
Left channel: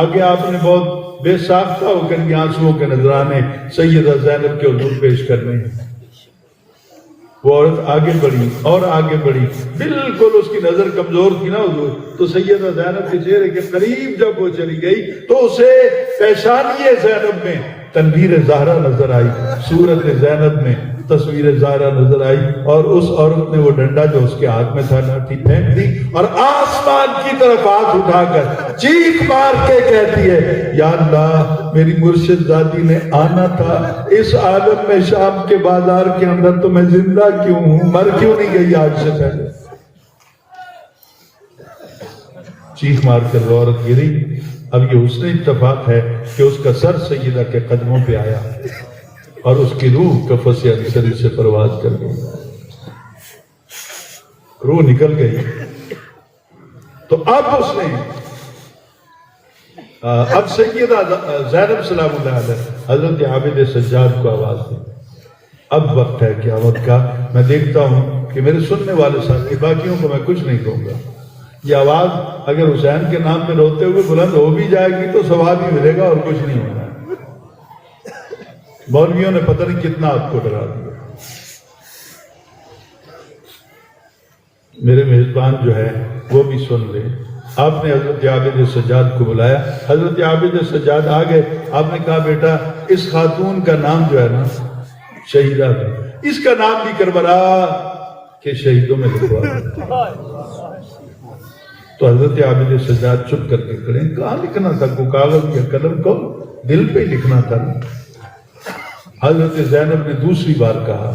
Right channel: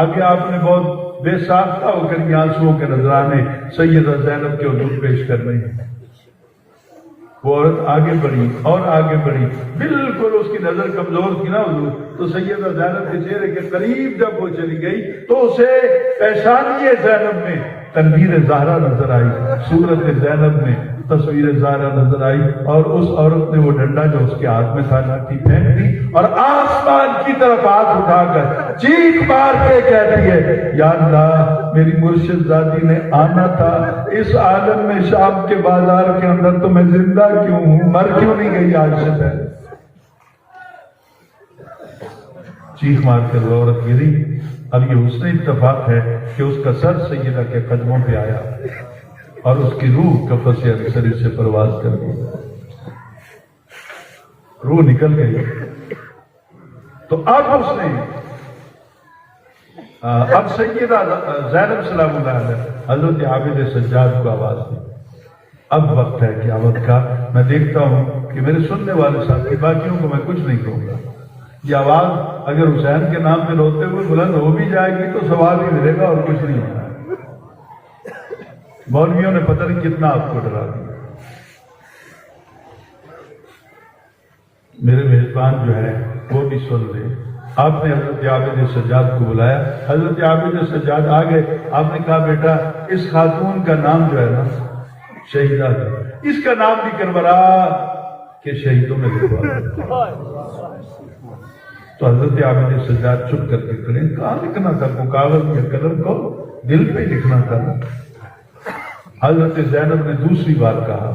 آگے آپ نے بہت بے ساختہ ہو کر یہ آنسوؤں کے نذرانے سیدہ زینب کے حضور پیش کرنے ہیں۔ وہ عورت آگے بڑھی اور آگے بڑھی، بالکل اس کی نظر کمزور تھی نا حضور، تو سیدہ زینب کے چہرے کے قریب جب وہ چلی گئی تو اسے پیشانی زینب میں تنویر زہرا نظر آئی، صورت زینب میں تصویر زہرا نظر آئی، اور اس عورت نے وہ ڈنڈا جو اس کے ہاتھ میں تھا لاٹھی پھینک دی اور آسمان کی طرف ہاتھ اٹھا کر چیخ مار کے کہتی ہے یا اللہ میری مرشد زادی نے آنا تھا اس عالم میں شام کے بازار کے اندر، تو میں زندہ کیوں ہوں، مر کیوں نہیں گئی آج سے پہلے؟ چیخ مار کر وہ عورت گری۔ اب یہ اس نے اتفاق ہے کہ اس کا سر سیدہ کے قدموں پہ آیا اور اس کی روح کفس عنصری سے پرواز کر گئی، روح نکل گئی۔ تو اب اس نے اب سیدہ زینب سلام اللہ علیہ حضرت عابد سجاد کو آواز دی، اب وقت ہے قیامت کا۔ میں دیکھتا ہوں کہ میرے سننے والے ساتھی، باقیوں کو میں کچھ نہیں کہوں گا، یہ آواز اگر حسین کے نام پہ روتے ہوئے بلند ہو بھی جائے گی تو ثواب ہی ملے گا اور کچھ نہیں ہوگا۔ مولویوں نے پتہ نہیں کتنا آپ کو ڈرا دیا۔ میرے میزبان جو ہے وہ بھی سن لے۔ آپ نے حضرت عابد سجاد کو بلایا، حضرت عابد سجاد آ گئے۔ آپ نے کہا بیٹا اس خاتون کا نام جو ہے نا شہیدہ ہے، اس کا نام بھی کربلا کے شہیدوں میں لکھوا۔ تو حضرت عابد سجاد چپ کر کے کھڑے، کہاں لکھنا تھا؟ کو کاغذ یا قلم کو دل پہ لکھنا تھا۔ حضرت زینب نے دوسری بار کہا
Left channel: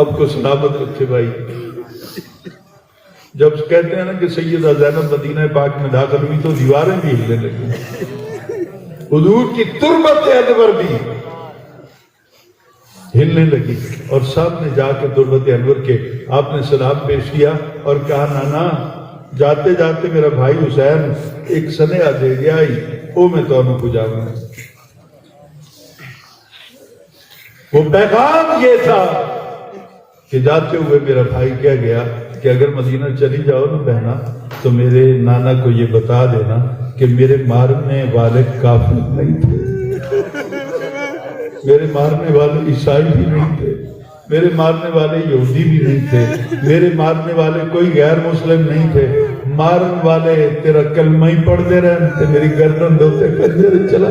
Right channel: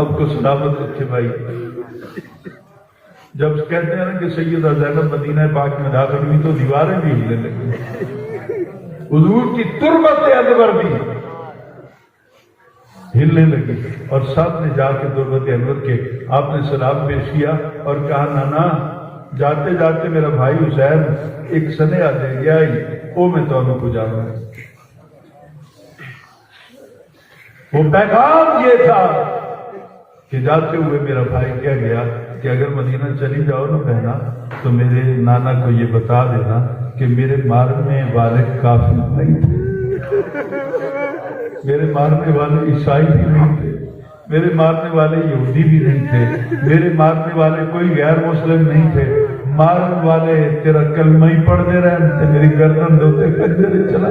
آپ کو سلامت رکھے بھائی. جب کہتے ہیں نا کہ سیدہ زینب مدینہ پاک میں داخل ہوئی تو دیواریں بھی ہلنے لگی، حضور کی تربت انور بھی ہلنے لگی، اور سب نے جا کے تربت انور کے آپ نے سلام پیش کیا اور کہا نانا جاتے جاتے میرا بھائی حسین ایک سنیہ دے گیا ہی وہ میں تو ہمیں کو جاؤں گا. وہ پیغام یہ تھا کہ جاتے ہوئے میرا بھائی کیا گیا کہ اگر مدینہ چلی جاؤ نا بہنا تو میرے نانا کو یہ بتا دینا کہ میرے مارنے والے کافر نہیں تھے، میرے مارنے والے عیسائی بھی نہیں تھے، میرے مارنے والے یہودی بھی نہیں تھے، میرے مارنے والے کوئی غیر مسلم نہیں تھے، مارن والے تیرا کلمہ ہی پڑھتے رہتے، میری گردن دھوتے کرتے چلا.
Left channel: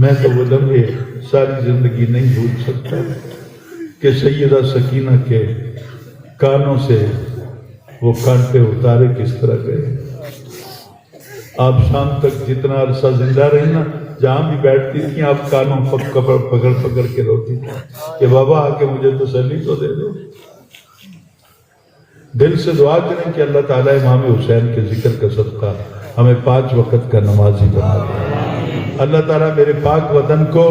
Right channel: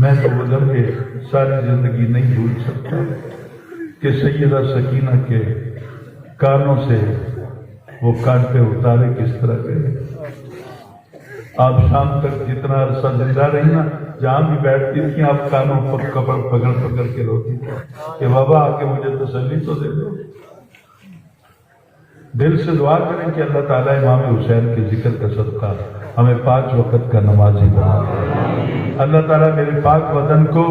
میں تو وہ لمحے ساری زندگی نہیں بھول سکتا کہ سیدہ سکینہ کے کانوں سے وہ کانٹے اتارے کس طرح گئے. آپ شام تک جتنا عرصہ زندہ رہی نا، جہاں بھی بیٹھتی تھی آپ کانوں پر پکڑ پکڑ کے روتی تھی کہ بابا آ کے مجھے تسلی تو دے دو. دل سے دعا کریں کہ اللہ تعالیٰ امام حسین کے ذکر کا صدقہ ہمیں 5 وقت کا نمازی بنا دے. اللہ تعالیٰ میرے پاک وطن کو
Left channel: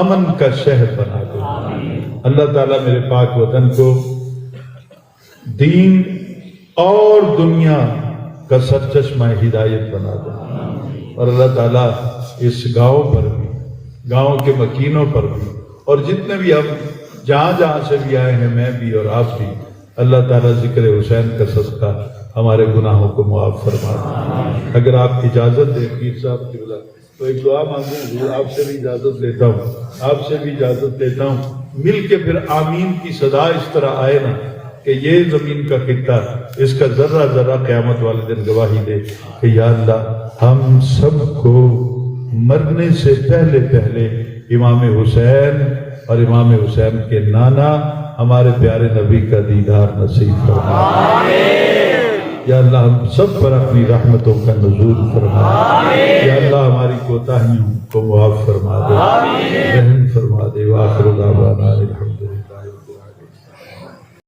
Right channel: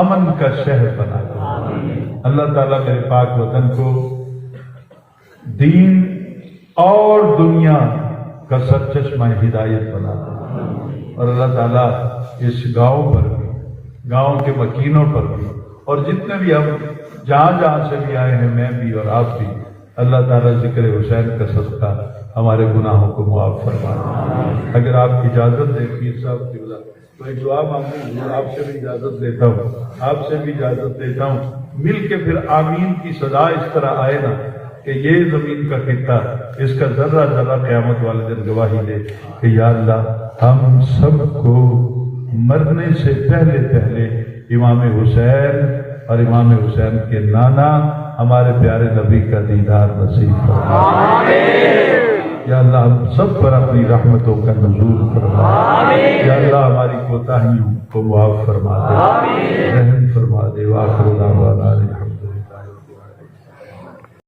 امن کا شہر بنا دے. اللہ تعالیٰ میرے پاک وطن کو دین اور دنیا کا سرچشمہ ہدایت بنا دے. اور اللہ تعالیٰ اس گاؤں پر بھی، گاؤں کے مکینوں پر بھی، اور جتنے بھی ہم جہاں جہاں سے بھی آئے ہیں، میں بھی اور آپ بھی، اللہ تعالیٰ ذکر حسین کا صدقہ ہمارے گناہوں کو معاف فرمائے. اگر آپ اجازت دیں پیر صاحب کی بلا تو ایک دعا مانگوں. حضور آپ سے بھی اجازت لیتا ہوں، آپ سے بھی اجازت لیتا ہوں. مل کے پھر آمین کی صدا اس طرح آئے نا کہ یہ زمین کا خطہ اس کا ذرہ ذرہ قیامت والے دن گواہی دے کہ یا اللہ ہم سب کو مرنے سے پہلے پہلے امام حسین اور امام حسین کے نانا ہمارے پیارے نبی کا دیدار نصیب فرما. یا اللہ ہم سب پر اپنی رحمتوں کا نزول فرما. یا اللہ ہماری کوتاہیوں کو معاف فرما دے، رحم فرما دے. وآخر دعوانا